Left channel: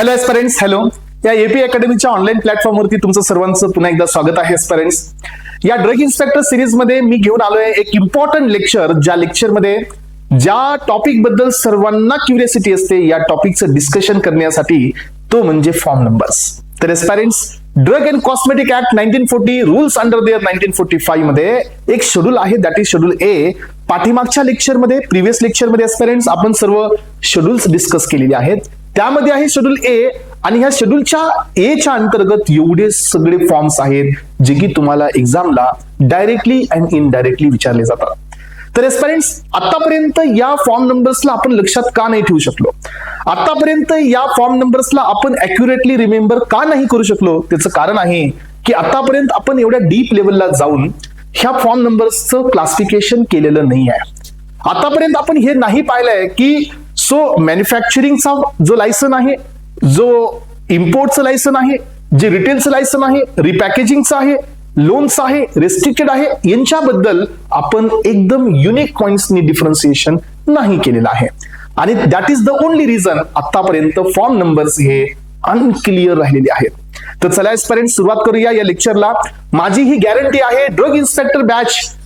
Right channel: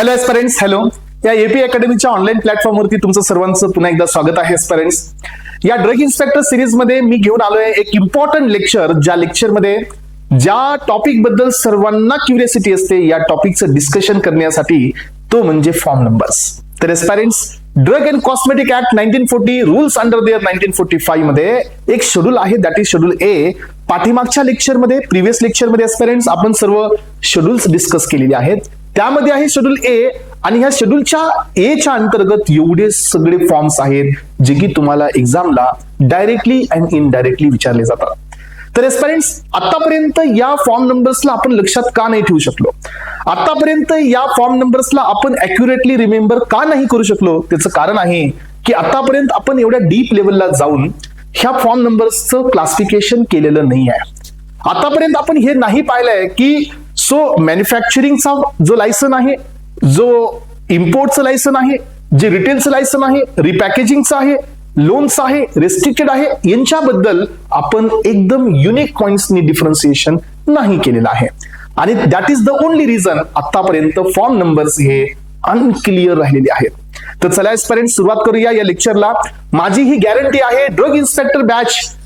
Hello aspirants, hello. या AP अकॅडमीच्या online प्लॅटफॉर्मवरती तुमचं सर्वांचं पुन्हा एकदा स्वागत आहे एस्पिरंट्स. या ड्रग इन्स्पेक्टर सिरीज मध्ये मी घेऊन आलोय एक इम्पॉर्टंट लेक्चर, ज्या लेक्चरमध्ये ज्या टॉपिक बद्दल सर्वांना क्युरियोसिटी असते या टॉपिकचं डिस्कशन करण्यासाठी, तो म्हणजे फॉर्म नंबर्स. तर aspirants, drug and cosmetic act 1940 rules under their 1945 मध्ये एक शेड्यूल आहे, दॅट इज शेड्यूल ए. पाठीमागच्या लेक्चरमध्ये, प्रिव्हियस लेक्चरमध्ये एस्पिरंट्स आपण सर्व शेड्यूल्स डिस्कस केलेले आहेत. त्यामध्ये आहे शेड्यूल ए, आणि ह्या शेड्यूलच्या ए च्या अंतर्गत एवढे सगळे फॉर्म्स आहेत जे की तुम्हाला एक्झामला डायरेक्टली अँड इनडायरेक्टली विचारले जातात. तर एस्पिरंट्स, आतापर्यंत या फॉर्म नंबर्सला आपण लक्षात का नाही ठेवू शकलो, आतापर्यंत या फॉर्म नंबर्सला आपण अॅक्युरेटली रिमेंबर का नाही करू शकलो, त्याचं कारण आहे की आतापर्यंत आपण एवढ्या डीप लेवलला जाऊन ह्या फॉर्म नंबर्सचं क्लासिफिकेशन केलेलं नाही आहे. आतापर्यंत आपण हे नाही पाहिलंय की मॅन्युफॅक्चरिंगचा जो लायसन आहे, जो इम्पोर्टचं लायसन आहे, जे रिटेलचं लायसन आहे, रिपॅकेजिंगचं आहे, लोन्स आहे, रेस्ट्रिक्टेड आहे, यांच्याबद्दल आपण एकदम युनिक पॉइंट्सनी डिफरन्सिएशन नाही केलेलं आहे. आणि that is the only reason आतापर्यंत फॉर्म नंबर्स हे अनक्लिअर राहिलेले आहेत. तर चला एस्पिरंट्स, सुरुवात करूया या लेक्चरला. माझी ही गॅरंटी आहे, ड्रग इन्स्पेक्टर बॅच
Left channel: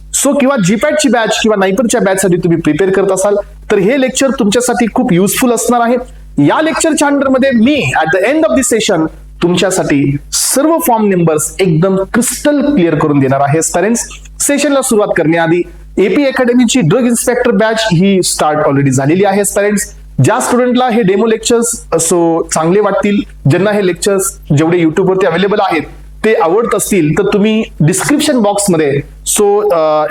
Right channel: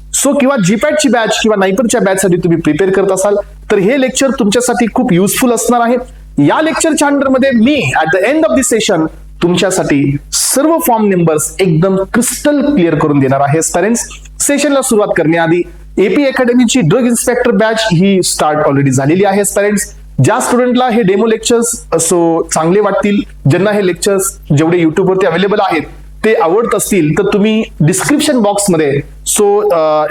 किंवा जीपॅटची बॅच किंवा नायपरच्या बॅच साठी तुम्ही प्रिपेअर करत असाल तर हे लेक्चर तुमच्यासाठी खूप युजफुल असणार आहे. या लेक्चरच्या अंडरमध्ये मी at the end of the session तुमच्यासाठी सर्व फॉर्म नंबर्स एकदम क्रिस्टल क्लिअर करून देणार आहे. एस्पिरंट्स, सेशनला सुरुवात करण्याआधी एपी अकॅडमीची ड्रग इन्स्पेक्टर बॅच ही स्टार्ट ऑलरेडी झालेली आहे. एस्पिरंट्स, ज्या स्टुडंटला हे डेमो लेक्चर्स चांगले वाटतील, ज्यांना हे लेक्चर्स जेवढे युट्यूबवरती अवेलेबल आहेत ते आवडत असतील, तर तुम्ही डिस्क्रिप्शन बॉक्समध्ये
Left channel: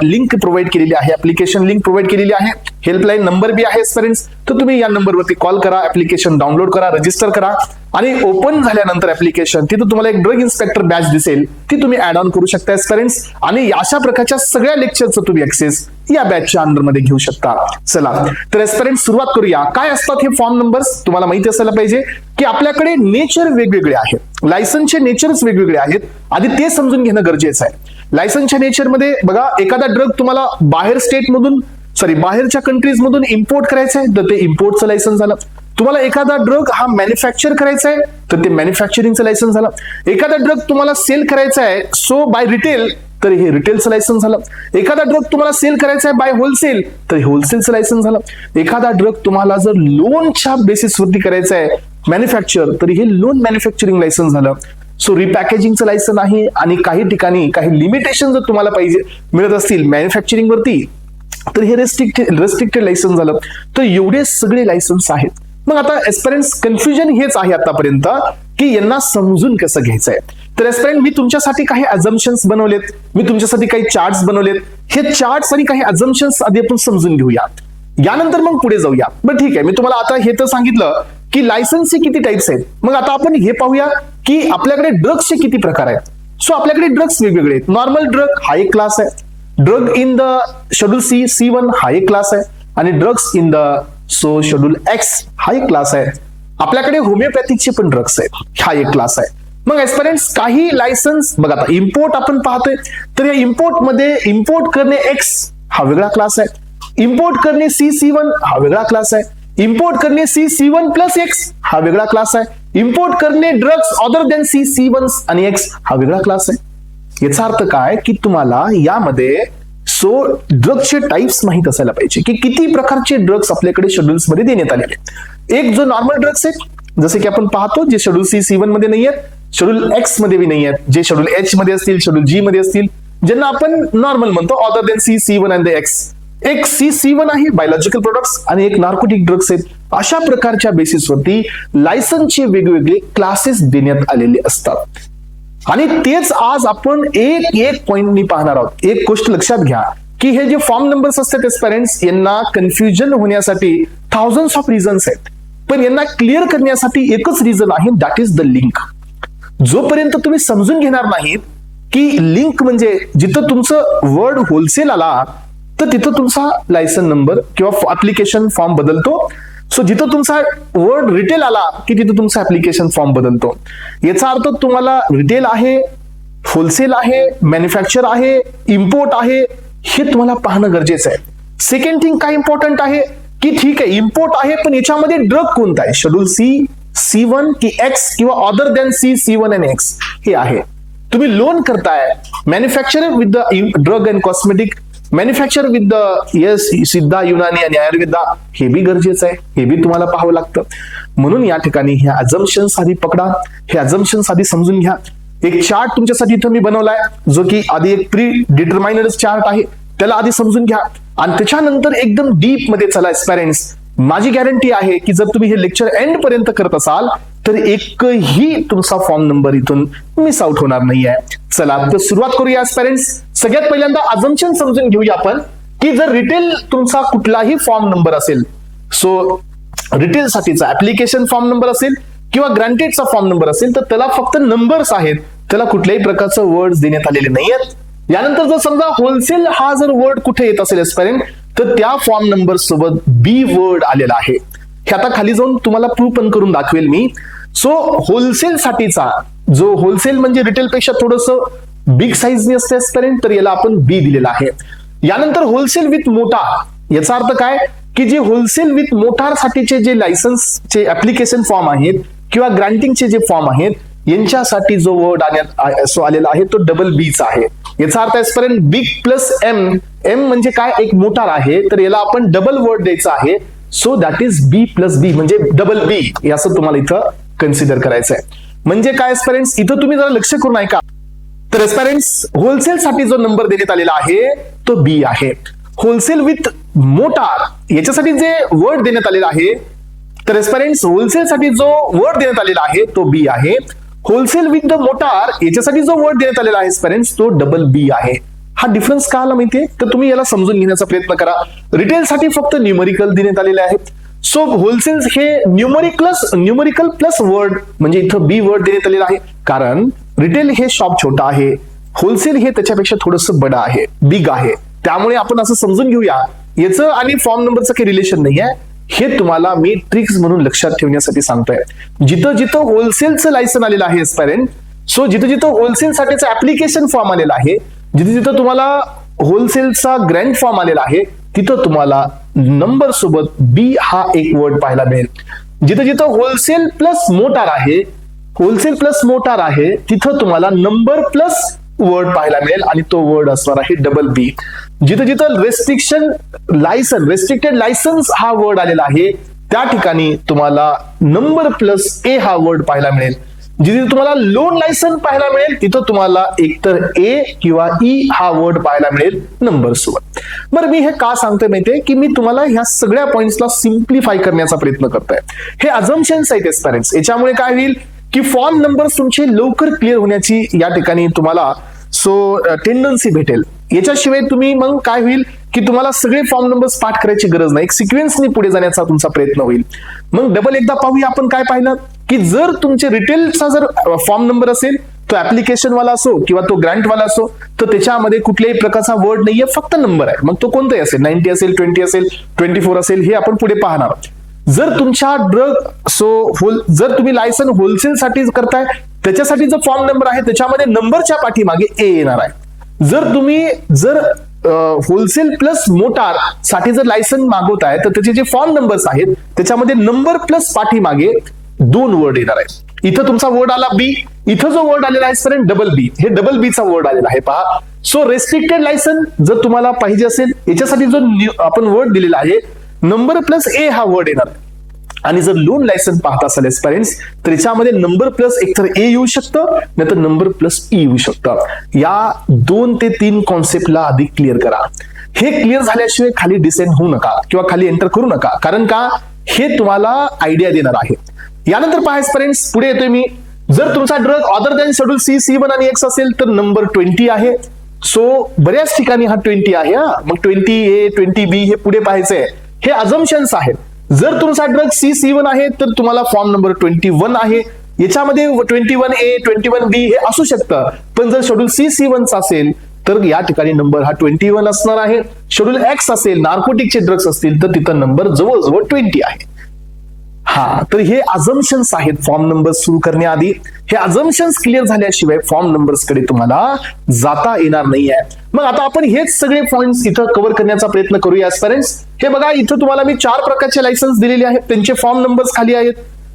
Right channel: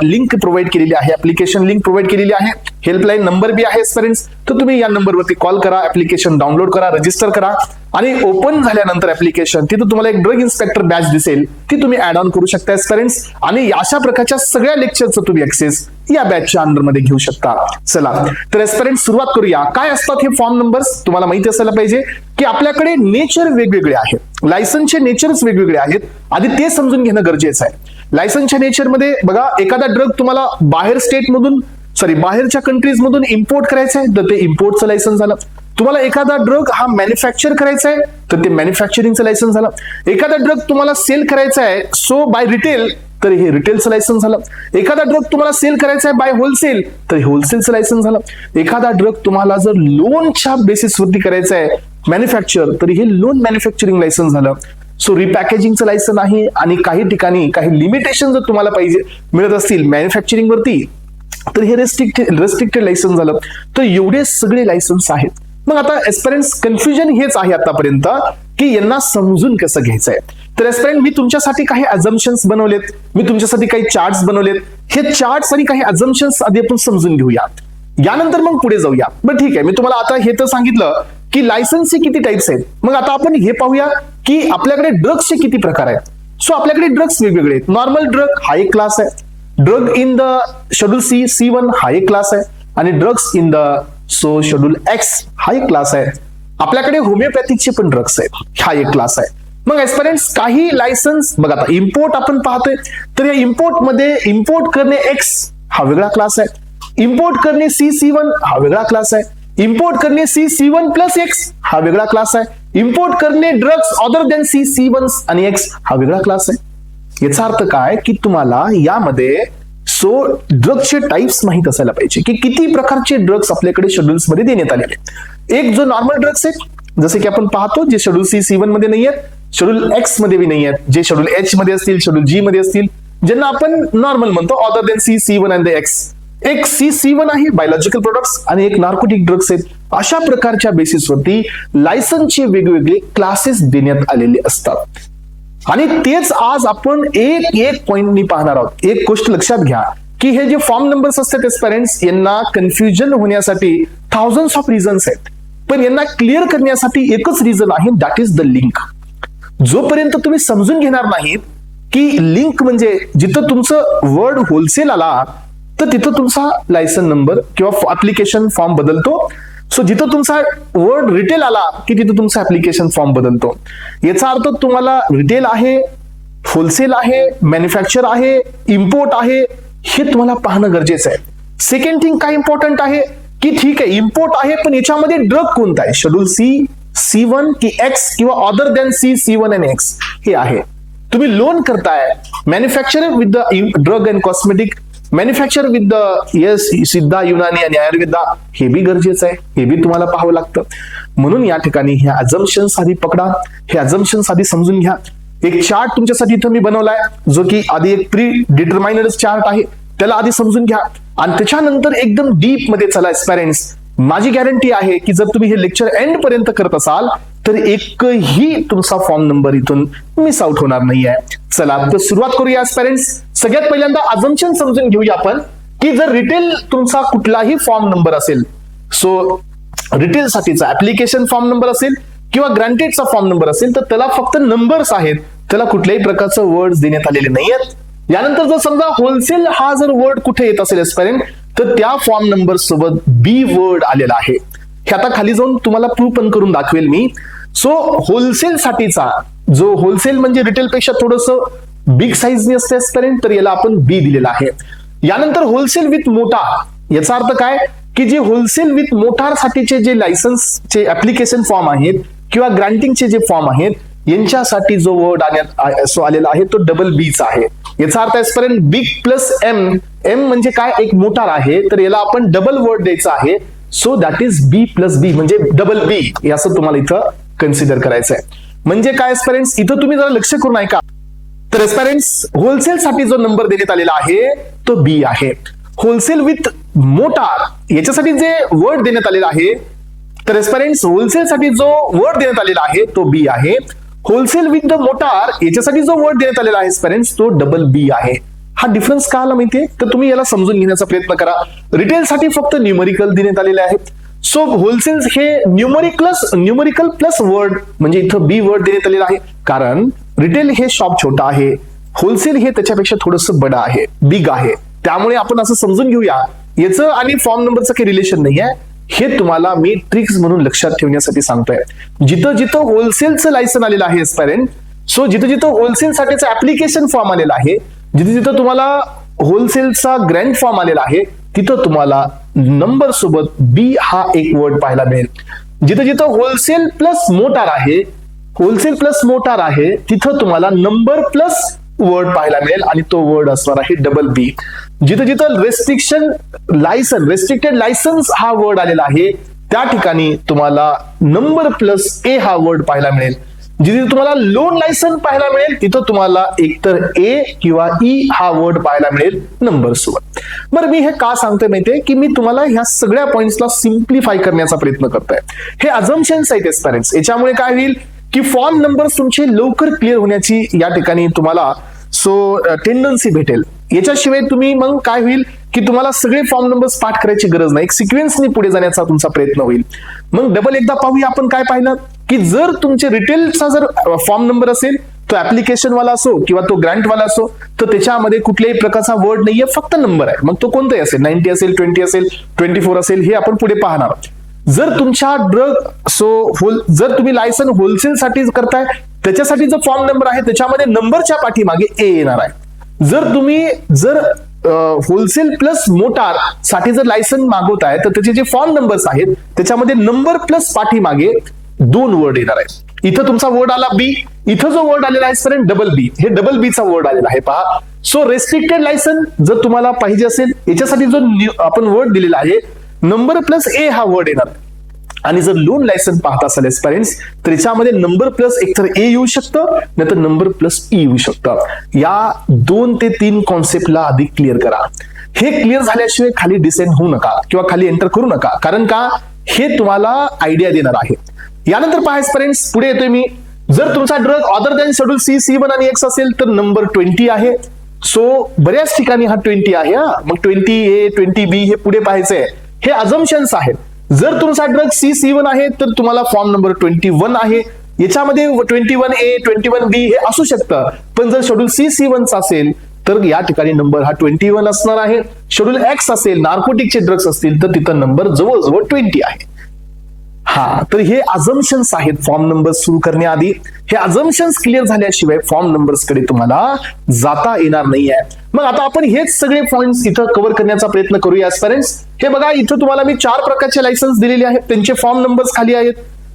लिंक प्रोव्हाइड केलेली आहे, ऍप्लिकेशन लिंक प्रोव्हाइड केलेली आहे, हेल्पलाईन नंबर बी आहे एस्पिरंट्स. तर तुम्ही या नंबरवरती कॉल करा, ऍप्लिकेशन डाउनलोड करा, रजिस्टर करा, आणि ओपन झाल्यानंतर ऍप्लिकेशन तिथं तुम्हाला एक ड्रग इन्स्पेक्टर बॅच दिसेल, ती तुम्ही ऍड ऑन करू शकता एस्पिरंट्स. आणि अशा प्रकारच्या सगळ्या लेक्चरचं तुम्ही ऍक्सेस या बॅचच्या अंडरमध्ये घेऊ शकता. चला तर एस्पिरंट्स, सुरुवात करूया. काय असतात हे फॉर्म नंबर्स, तुम्हाला माहिती असायला पाहिजे की आपल्याकडे नेचर वेगवेगळे आहे, लायसन्सचे नेचर्स वेगवेगळे आहेत, आधी ते समजून घेणं गरजेचं आहे. लायसन्सच्या नेचरमध्ये बघा, एखादा ड्रग तुम्हाला बाहेरच्या कंट्रीज मधून इम्पोर्ट करायचा आहे तर ते इम्पोर्टचं लायसन्स झालं. तुम्हाला एखादा ड्रग हा मॅन्युफॅक्चर करायचा आहे तर ते मॅन्युफॅक्चरिंगचं लायसन्स झालं. एखादा ड्रग तुम्हाला सेल करायचा आहे बाय रिटेल तर हे रिटेलचं लायसन्स झालं. एखादा ड्रग तुम्हाला सेल करायचा आहे बाय होलसेल तर हे होलसेलचं लायसन्स झालं. एखादा ड्रग तुम्हाला जर लोनच्या बेसिसवरती करायचा आहे मॅन्युफॅक्चर तर हे लोन मॅन्युफॅक्चरिंग लायसन्स झालं. रिपॅकेजिंगचं लायसन आहे, आणि काही ठिकाणी काही लिमिटेशन जर तुम्हाला पाहिजे मिळत असतील मॅन्युफॅक्चरिंग वरती तर हे रेस्ट्रिक्टेड लायसन्स झालं. तर एवढे सगळे लायसन्स आहेत. मग आता एस्पिरंट्स, कन्फ्युजन हेच आहे आतापर्यंत की यांना समजून कसं घ्यायचंय. तर एस्पिरंट, मी तुमच्यासाठी काही अझम्पशन्स बनवलेत, मी तुमच्यासाठी काही चार्ट्स बनवलेत. हे चार्ट्स आणि काही अझम्पशन्स आधी आपण समजून घेऊया, यानंतर मग पुढे जाऊया. बरं ठीक आहे, मी तुम्हाला आता हे तर सांगितलं की लायसन्सचे किती टाइप्स आहेत. मग आता आपण हे पाहूया की आपल्याकडे ड्रग्सचे किती प्रकार आहेत. आपल्याकडे ड्रग्स वेगवेगळे आहेत. नॉर्मल ड्रग हा एक क्लास आहे, drug in the schedule C1 हा एक क्लास आहे, आणि drugs in the schedule X हा एक क्लास आहे. आपल्याकडे होमिओपॅथीचे पण ड्रग्स आहेत, हा एक क्लास आहे. मग एस्पिरंट्स, काही लायसन्स बघा, आता इम्पोर्ट आपण पाहतोय तर इम्पोर्ट मध्ये इम्पोर्ट करणे X हा वेगळा क्लास आहे, इम्पोर्ट करणे C1 हा वेगळा क्लास आहे, इम्पोर्ट करणे C1+X हा वेगळा क्लास आहे, इम्पोर्ट करणे ड्रग्स अदर दॅन C1 आणि X हा वेगळा क्लास आहे. याचा अर्थ काय की तुम्हाला यामध्ये ड्रग्सचे टाइप्स माहित असायला पाहिजे की किती प्रकारचे ड्रग्स आपल्याकडे शेड्यूल्स मध्ये देण्यात आलेले आहेत. एक जो नॉर्मल ड्रग्स आहेत, जसे की आपण पाहतो, जे शेड्यूल C1 मध्ये नाही आहेत, शेड्यूल X मध्ये बी नाही आहेत, जे शेड्यूल H मध्ये असतील, शेड्यूल G मध्ये असतील, ज्यांना आपण नॉर्मल म्हणतो other than C1 and X. एक C1 आहे बायोलॉजिकल प्रोडक्ट्स, आणि एक नार्कोटिक ड्रग्स आहेत. अशा प्रकारच्या बेसिसवरती लायसन्सचे वेगवेगळे क्लासेस देण्यात आलेले असतात. आणि तेच आज आपण एक पॉइंटनी पाहणार आहोत. एक गोष्ट लक्षात घ्या की हे जे फॉर्म नंबर्स असतात पेरेंट्स, यांना कन्फ्युजन होण्यासाठी थाउजंड्स ऑफ रिझन्स आहेत, पण यांना क्लिअर करण्यासाठी एकच रिझन आहे, दॅट इज द लिंक. जोपर्यंत तुम्ही समजून घेणार नाहीत की लिंक म्हणजे जिथं तुमचं वर्ड होलसेल आला तर तिथं तुमचा लायसन नंबर किंवा ऍप्लिकेशन फॉर्म बदलतो. जिथं तुमचा वर्ड रिटेल आला की तिथं तुमचा ऍप्लिकेशन फॉर्म बदलतो. याचा अर्थ तुम्हाला रिटेल आहे, होलसेल आहे, मॅन्युफॅक्चर आहे, इम्पोर्ट आहे, हे तुम्हाला पाहणं गरजेचं आहे. सेकंड थिंग काय इम्पॉर्टंट आहे की ठीक आहे, इम्पोर्ट आहे, पण याच्यामध्ये ड्रग कोणता आहे, शेड्यूल C C1 की X किंवा अदर दॅन C1 आणि X हे आहे. तुम्ही लोन करताय manufacture with the drug and cosmetic, manufacture with the सिद्धा, युनानी आणि आयुर्वेदा, हे बी गरजेचं आहे, हे बी तुम्हाला पाहावं लागतं. म्हणून या ठिकाणी हे अझम्पशन्स आधी पकडा, हे अझम्पशन्स आधी समजून घ्या. एक चार्ट तुमच्यासाठी इथं मी बनवलाय जो की आधी एक प्री डिटरमाइनड चार्ट आहे, त्याला आधी समजून घ्या आणि त्याच्यानंतर एकदम डीप मध्ये चला एस्पायरंट्स. माझी गॅरंटी आहे की जर तुम्ही हे लेक्चर एंड पर्यंत करत असाल तर एकही तुमचा फॉर्म नंबर इथून मिस आउट होणार नाहीये. चला तर सुरुवात करूया एस्पायरंट्स. सगळ्यात पहिल्यांदा अझम्पशन समजून घेऊया आपण की जर रिटेल तुमचा कुठलाही फॉर्म नंबर असेल, सो रिटेल साठीचा ऍप्लिकेशन फॉर्म नंबर असेल किंवा ग्रांटेडचा फॉर्म नंबर असेल तर त्याला फक्त नंबर्स आहेत, त्याला कुठल्याही प्रकारचं वर्ड देण्यात आलेले नाहीयेत. यानंतर जर समजा होलसेल हा जर वर्ड कुठे येत असेल एस्पायरंट तर त्या फॉर्म नंबर सोबत बी वर्ड आलेला आहे. हे आता खाली जाऊन तुम्हाला प्रूव्ह पण करून दाखवेल मी. सो होलसेल साठीचा जो होलसेल म्हणजे रिटेल पेक्षा थोडस बिग साईजने असते एस्पायरंट, तर याला आपण बी दिलेला आहे. यानंतर होलसेल विथ मोटार, याचा अर्थ काय की जे होलसेल विथ मोटार साठीचे जे लायसन्सचे ऍप्लिकेशन फॉर्म आहेत किंवा ग्रांटिंगचे जे फॉर्म आहेत यांच्यासाठी जो वर्ड आलेला आहे तो डबल बीच आहे. याचा अर्थ आजपर्यंत बिग प्लस एम, एम म्हणजे काय एक मोटार आहे तर याला आपण डबल वर्ड द्यायचा आहे. So that is B plus B म्हणजे डबल बी, असं तुम्हाला इथं कन्सिडर करायचं आहे. म्हणजे काय एस्पायरंट्स इथं तुम्ही जरा लक्ष करून ऐका. तर एस्पायरंट्स होलसेल साठी जो नंबर देण्यात आलेला आहे तो बी आहे. होलसेल विथ मोटार याच्यासाठी जे वर्ड देण्यात आलेला आहे तर एस्पायरंट्स होलसेल साठी जो वर्ड देण्यात आलेला आहे तो बी आहे. होलसेल विथ द मोटार याच्यासाठी जो वर्ड देण्यात आलेला आहे एस्पायरंट्स तो डबल बी आहे. हा डिफरन्स का आला माहितीये तर तुम्ही याला समजून घेण्याचा प्रयत्न करा. रिटेल साठी फक्त न्यूमरिकल देण्यात आलेले आहेत. सो होलसेल हे न्यूमरिकल प्लस वर्ड म्हणजे इथं बी वर्ड देण्यात आलेला आहे, कारण रिटेल हे शॉप छोटा आहे, होलसेल हे त्याच्यापेक्षा थोडस बडा आहे, बिग आहे. त्यामुळे आपण असं समजून घेऊया याचं आणि फॉर्म नंबरचं काही रिलेशन नाहीये. हे तुम्हाला मी ट्रिक्स म्हणून लक्षात ठेवण्यासाठी सांगतोय. जिथं जिथं होलसेलचं लायसन आलेलं आहे एस्पायरंट, सो जिथं जिथं होलसेल साठीचं ऍप्लिकेशन फॉर्म आलेला आहे, जिथं जिथं तुम्हाला होलसेलचा ग्रँड फॉर्म आलेला आहे तिथं तुम्हाला नंबर सोबत बी हा एक वर्ड पाहायला मिळेल. जिथं जिथं होलसेल प्लस मोटार आहे, होलसेल प्लस मोटार आहे तिथं तुम्हाला नंबर प्लस वर्ड पाहायला मिळेल आणि तो वर्ड असणार आहे डबल बी. जिथे जिथं रेस्ट्रिक्टेड लायसन्स हा वर्ड आलेला आहे त्या ठिकाणी तुम्हाला नंबर प्लस ए हा वर्ड पाहायला मिळेल. जिथे तुम्हाला लोन लायसन पाहायला मिळेल तिथं तुम्हाला एकतर ए किंवा ई हा वर्ड पाहायला मिळेल नंबर सोबत. बरं मी हे का सांगतोय माहितीये की मी तुम्हाला ह्या सगळ्या पॉइंट्सला सिम्प्लिफाय करण्याचा प्रयत्न करतोय. हे अझम्पशन्स आहेत एस्पायरंट्स. याच्यामुळे काय होईल की फॉर्म नंबर तुमचे लवकर क्लिअर होण्याची या ठिकाणी तुम्हाला टेंडन्सी भेटेल. याच्याशिवाय तुम्ही मग काय होईल की तुम्हाला सगळे फॉर्म नंबर्स पाठ करायची गरज नाही, एक सिक्वेन्सनी पुढे जाण्याचा तुमचा प्रयत्न होईल. मग डबल एकदा पाहूया आपण काय पाहिलं की जर तुमचे रिटेलचा जर फॉर्म नंबर असेल तो ऍप्लिकेशन वाला असो किंवा तो ग्रँट वाला असो तर त्याच्यामध्ये कुठल्याही प्रकारचा वर्ड नाहीये, फक्त नंबर आहे. मग तो कोणताही असेल, 90 असेल, 20 असेल, 24 असेल, हे आपण पुढे पाहणार. जर तुमच्या जर तुम्ही लायसन होलसेल साठी करताय त्याच्यासाठी जो फॉर्म नंबर आहे त्याच्यामध्ये नंबरच्या पाठीमागे ए येणार आहे. जर होलसेल प्लस मोटार साठी जर लायसन मागवताय तर त्याचे जे फॉर्म नंबर्स आहेत त्याच्यामध्ये नंबर प्लस पाठीमागे 2 वर्ड येणार आहे. इथं तुमचा वर्ड आला बी, इथं जो वर्ड आलेला आहे सर डबल बी, हे डबल बी चा वर्ड आलेला आहे पहा. सो रेस्ट्रिक्टेड लायसन जर तुम्हाला पाहिजे असेल याच्यासाठी जो आपण वर्ड दिलेला आहे नंबर प्लस ए हा वर्ड येणार. आणि जर लोन लायसन पाहत असाल एस्पायरंट्स तर याच्यामध्ये नंबर प्लस एकतर ए येऊ शकतं नाहीतर नंबर प्लस ई येऊ शकतं. या 2 ते 3 कॉन्सेप्टला आधी क्लिअर करा. हे क्लिअर झाल्याशिवाय खाली डिसेंड होऊ नका किंवा खाली एंटर करू नका, कारण का हे तुम्हाला आयडिया देणार आहे. यानंतर पहा एस्पायरंट्स पुढे येतोय मी. जर तुमचा drug other than schedule C, C1 आणि X असेल तर नंबर 20 आहे. सो बऱ्याच ठिकाणी हा 20 आहे. मग 20A 20B हे पुढे पाहायचंय. हे अझम्पशन्स आहेत. जर तुमचा ड्रग C1 आहे तर तुम्हाला फॉर्म नंबर 21 आहे. याच्यामध्ये 21A 21B हे असू शकतं, पण जर शेड्यूल C1 चा असेल तर या ठिकाणी नंबर हा 21 असणार आहे. शेड्यूल X असेल, नार्कोटिकचे ड्रग्स असतील तर तिथं नंबर जवळजवळ 20 आहे. हा तर हे अझम्पशन्स आहेत फॉर्म नंबर सुरू करण्याआधी. हे अझम्पशन्स क्लिअर झाल्याशिवाय फॉर्म नंबर्स कडे तुम्हाला जाता येणार नाहीये. मग आता आपण हेच सगळे पॉइंट्स इथं कव्हर करण्याचा प्रयत्न करूया एस्पायरंट्स. हे बघा इथं तुम्हाला मी 4 प्रकारचे लायसन्स दिलेले आहेत, त्यांचे फॉर्म नंबर्स खाली आहेत.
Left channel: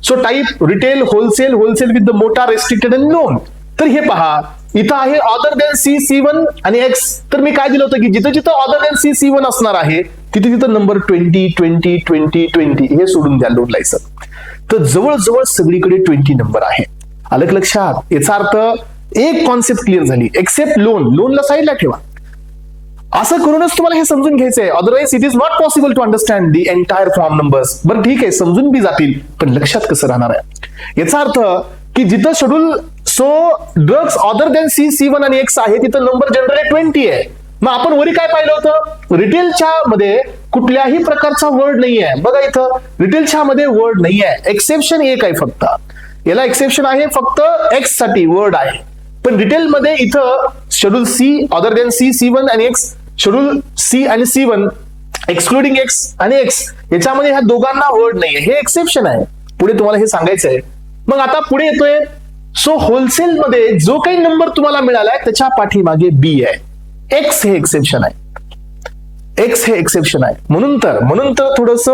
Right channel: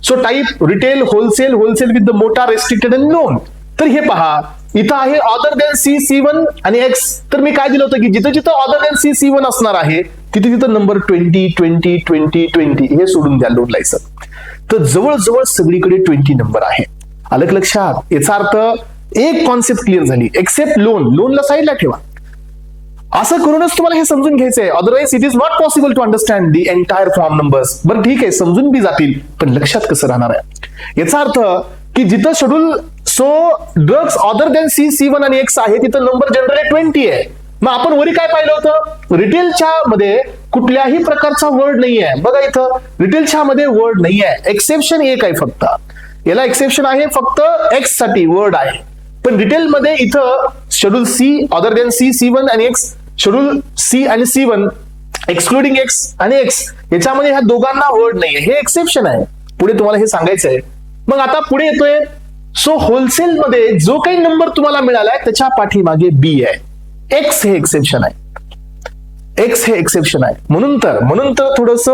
So type retail, wholesale, wholesale with the motor, restricted and loan. तर हे पहा इथं आहे ऑदर दॅन C1 आणि X. तर मी काय दिलं होतं की जिथं जिथं ऑदर दॅन C1 असणार आहे तिथे तिथं नंबर 20 20 20 20 हे सोडून द्या लोन लायसन. तर जवळजवळ सगळीकडे 20 नंबर आहे. अलग लक्षात. याचा अर्थ एक कॉन्सेप्ट क्लिअर झाली, एक्सेप्ट लोनला साईडला ठेवा. असं करूनच तुम्हाला हे समजून घ्यायचंय, otherwise it is not possible to understand the entire form numbers. बरं ठीक आहे, समजून बी जातील पण लक्षात कसं राहणार आहे. याचा अर्थ की जिथं schedule drugs other than C1 आणि X आहे तिथं नंबर जनरली 20 आहे. मग आपण वरी काय पाहिलं होतं, रिटेलच्या मध्ये कुठल्याही प्रकारचा वर्ड नाही आहे. बघा इथं रिटेलच्या मध्ये वर्ड नाही आहे, एक्सेप्शन एक आहे फक्त. याला एक्सेप्शन आहे फक्त X साठी वर्ड आहे. पण रिटेल मध्ये इथं schedule C other than C1 आणि X, शेड्यूल C आणि C1 एक्सक्लुडिंग X आणि X याच्यामध्ये ह्या दोघांना वर्ड नाहीये, हे एक्सेप्शन आहे. पुढे तुम्हाला हे सांगायचं आहे. मग आता पुढे येतोय, सो होलसेल मध्ये जो काही नंबर तुम्हाला मिळालाय त्याच्या पाठीमागे B आहे. X हे एक्सेप्शन आहे, X हे एक्सेप्शन आहे. म्हणून तर थोडस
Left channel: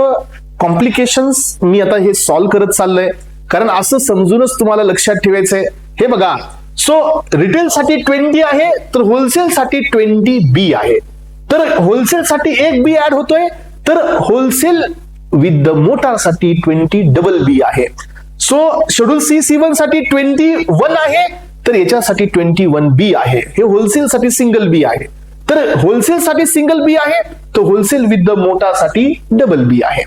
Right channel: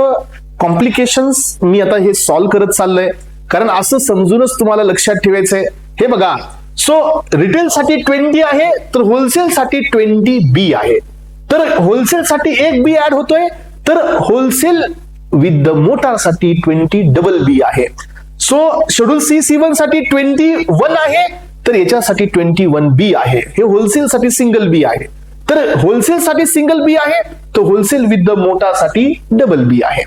कॉम्प्लिकेशन्स मी आता हे सॉल्व्ह करत चाललोय, कारण असं समजूनच तुम्हाला लक्षात ठेवायचंय. हे बघा, सो रिटेल साठी 20 आहे तर होलसेल साठी 20B आहे. तर होलसेल साठी एक B ऍड होतोय, तर होलसेल विथ द मोटार साठी 20 आहे. सो शेड्यूल C1 साठी 21 आहे तर याच्यासाठी 21B आहे. हे होलसेल साठी सिंगल B आहे. तर होलसेल साठी सिंगल B आहे तर होलसेल विथ द मोटार साठी B आहे.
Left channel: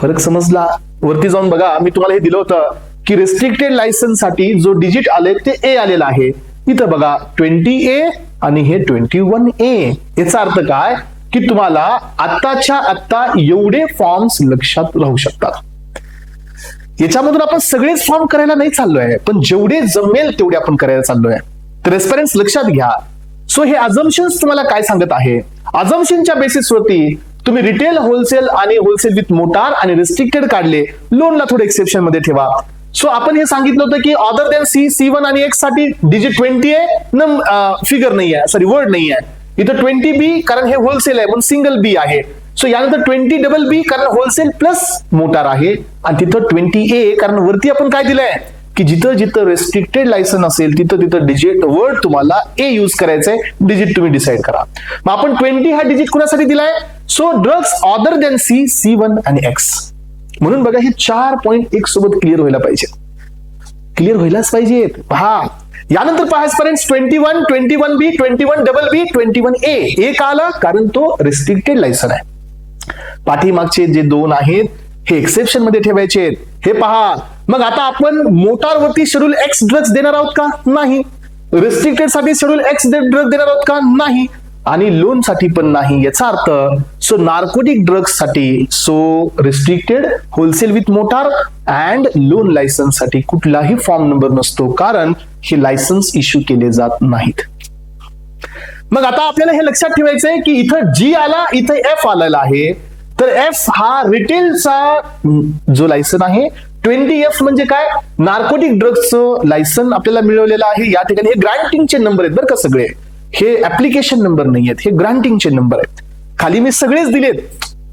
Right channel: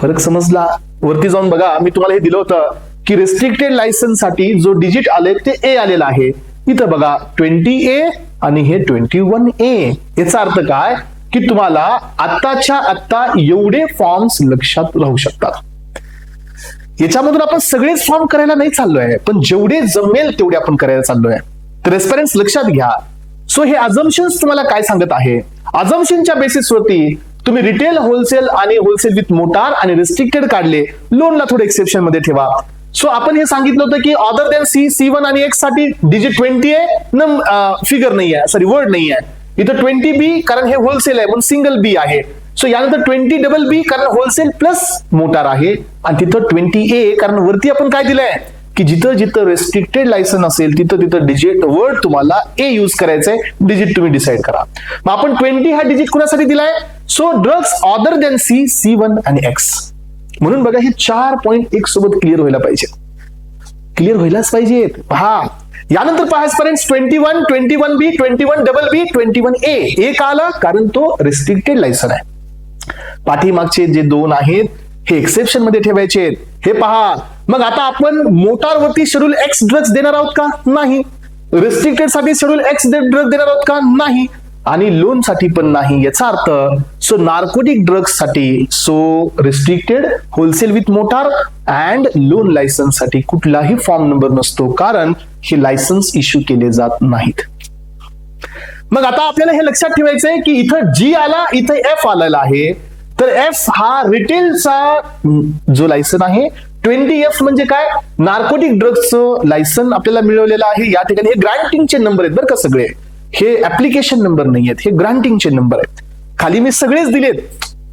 फरक समजला. वरती जाऊन बघा, मी तुम्हाला हे दिलं होतं की रेस्ट्रिक्टेड लायसन्स साठी जो डिजिट आले ते A आलेला आहे. इथं बघा 20A आणि हे 21A. याचा अर्थ काय की तुम्हाला आत्ताच्या आत्ता एवढे फॉर्म्स लक्षात राहू शकतात. याच्यामधून आपण सगळेच फॉर्म करायला नाही चाललोय, पण जेवढे जमेल तेवढे आपण करायला चाललोय. तर रेफरन्स लक्षात घ्या. सो हे अझम्पशन्स तुम्हाला काय सांगत आहे, अझम्पशनच्या बेसिसवरती तुम्ही रिटेल, होलसेल आणि होलसेल विथ मोटार आणि रेस्ट्रिक्टेड काढले, लोनला थोडे एक्सेप्शन मध्ये ठेवा. सो आपण हे सांगितलं होतं की ऑदर दॅन C1 आणि X साठी डिजिट 20 आहे, फिगर नाही आहे, सॉरी वर्ड नाही आहे. इथं 20B कारण हे होलसेल आहे म्हणून सिंगल B आहे. सो यानंतर 20BB कारण होलसेल प्लस मोटार आहे, आणि तिथं 20A कारण वरती आपण काय दिलंय की जिथं जिथं रेस्ट्रिक्टेड लायसन असेल तिथं तिथं डिजिट वर्ड तुम्हाला A यूज करायचंय, डिजिट तुम्ही डिसाइड करा. मग आपण 20 हा डिजिट कोणासाठी दिलाय, so drugs other than C1 आणि X. म्हणून बघा हे 4 पॉइंट एक सोबत क्लिअर व्हायला पाहिजे, क्लिअर व्हायलाच पाहिजे. पहा यानंतर पहा फ्रेंड्स, 21, 21B, 21BB, 21A. ए का आला, कारण तो रेस्ट्रिक्टेड लायसन आहे. पाठीमागचे जे दोन आहेत हे एक्सेप्शन मध्ये ठेवायचे आहेत. हे पहा, मग आता आपण मोटार वरती शेड्यूल X ड्रग्स देणार आहोत का, नाही. रेस्ट्रिक्टेड साठी शेड्यूल X ड्रग देणार आहोत का, नाही. आणि लोन साठी पण नाही. याचा अर्थ सो नार्कोटिक ड्रग्स साठी restricted, wholesale with motor and loan licence साठी कुठलाही फॉर्म नंबर नसतो, कारण हे लायसन्स इश्यू केले जात नाहीत. मग आता आपल्याला हे लक्षात ठेवायचंय की इथं G आला, इथं F आलेला आहे. तर F हा रिटेलचा जो लायसन आहे, 20F म्हणजे काय, नार्कोटिक ड्रग्सचं लायसन आपल्याला मिळवलेलं आहे. या ठिकाणी हे ग्रांटिंगचे नंबर आहेत बरं का, सगळे हे ऍप्लिकेशन नंबर नाही आहेत, हे ग्रांटिंगचे नंबर आहेत. खाली मी सगळेच दिलेत,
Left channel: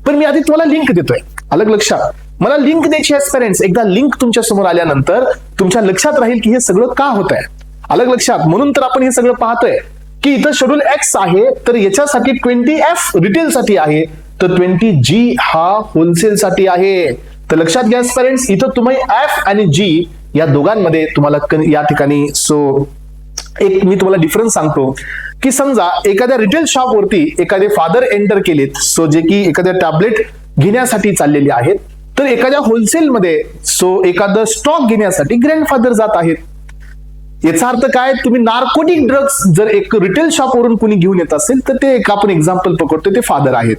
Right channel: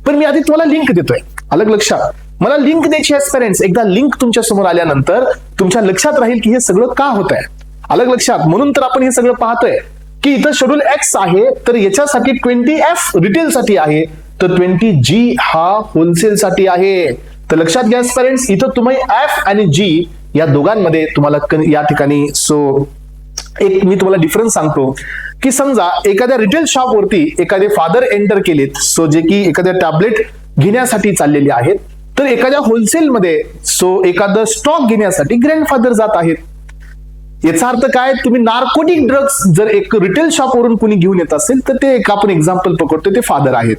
पण मी आधी तुम्हाला लिंक देतोय. अलग लक्षात, मला लिंक द्यायची एक्सपिरियन्स, एकदा लिंक तुमच्या समोर आल्यानंतर तुमच्या लक्षात राहील की हे सगळं का होत आहे. अलग लक्षात, म्हणून तर आपण हे सगळं पाहतोय की इथं शेड्यूल X आहे तर याच्यासाठी 20F रिटेल साठी आहे, तर 20G हा होलसेल साठी आहे. तर लक्षात घ्या फ्रेंड्स, इथं तुम्ही F आणि G या दोघांमध्ये तुम्हाला या ठिकाणी सो एक मी तुम्हाला डिफरन्स सांगतो की समजा एखाद्या रिटेल शॉप वरती एखादे फादर एंटर केलेत, सो जे की एखाद्या टॅबलेट घेण्यासाठी चाललेले आहेत, तर एखाद्या होलसेल मध्ये सो एखादं स्टॉक घेण्यासाठी ग्रँडफादर जात आहेत. याचा अर्थ काय, तुम्ही नार्कोटिक ड्रग्स जर एक रिटेल शॉप वरून कोणी घेऊन येत असेल तर ते एक आपण एक्झाम्पल पकडतो, ते फादर आहेत.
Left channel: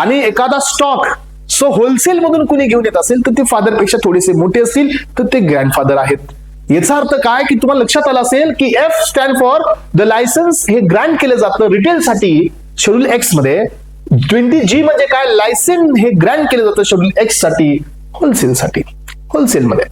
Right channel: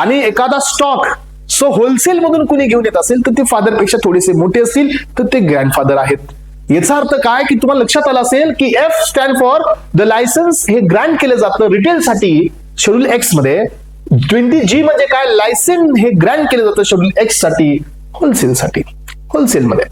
आणि एखादा स्टॉक सो होलसेल मधून कुणी घेऊन येत असेल तर ते फादर पेक्षा थोडेसे मोठे असतील तर ते ग्रँडफादर आहेत. याचा अर्थ काय की तुम्हाला लक्षात आलं असेल की F stand for the licence, हे ग्रँट केलं जातं रिटेल साठी शेड्यूल X मध्ये. 20G म्हणजे काय, लायसन हे ग्रँट केलं जातं शेड्यूल X साठी होलसेल साठी, होलसेल मध्ये.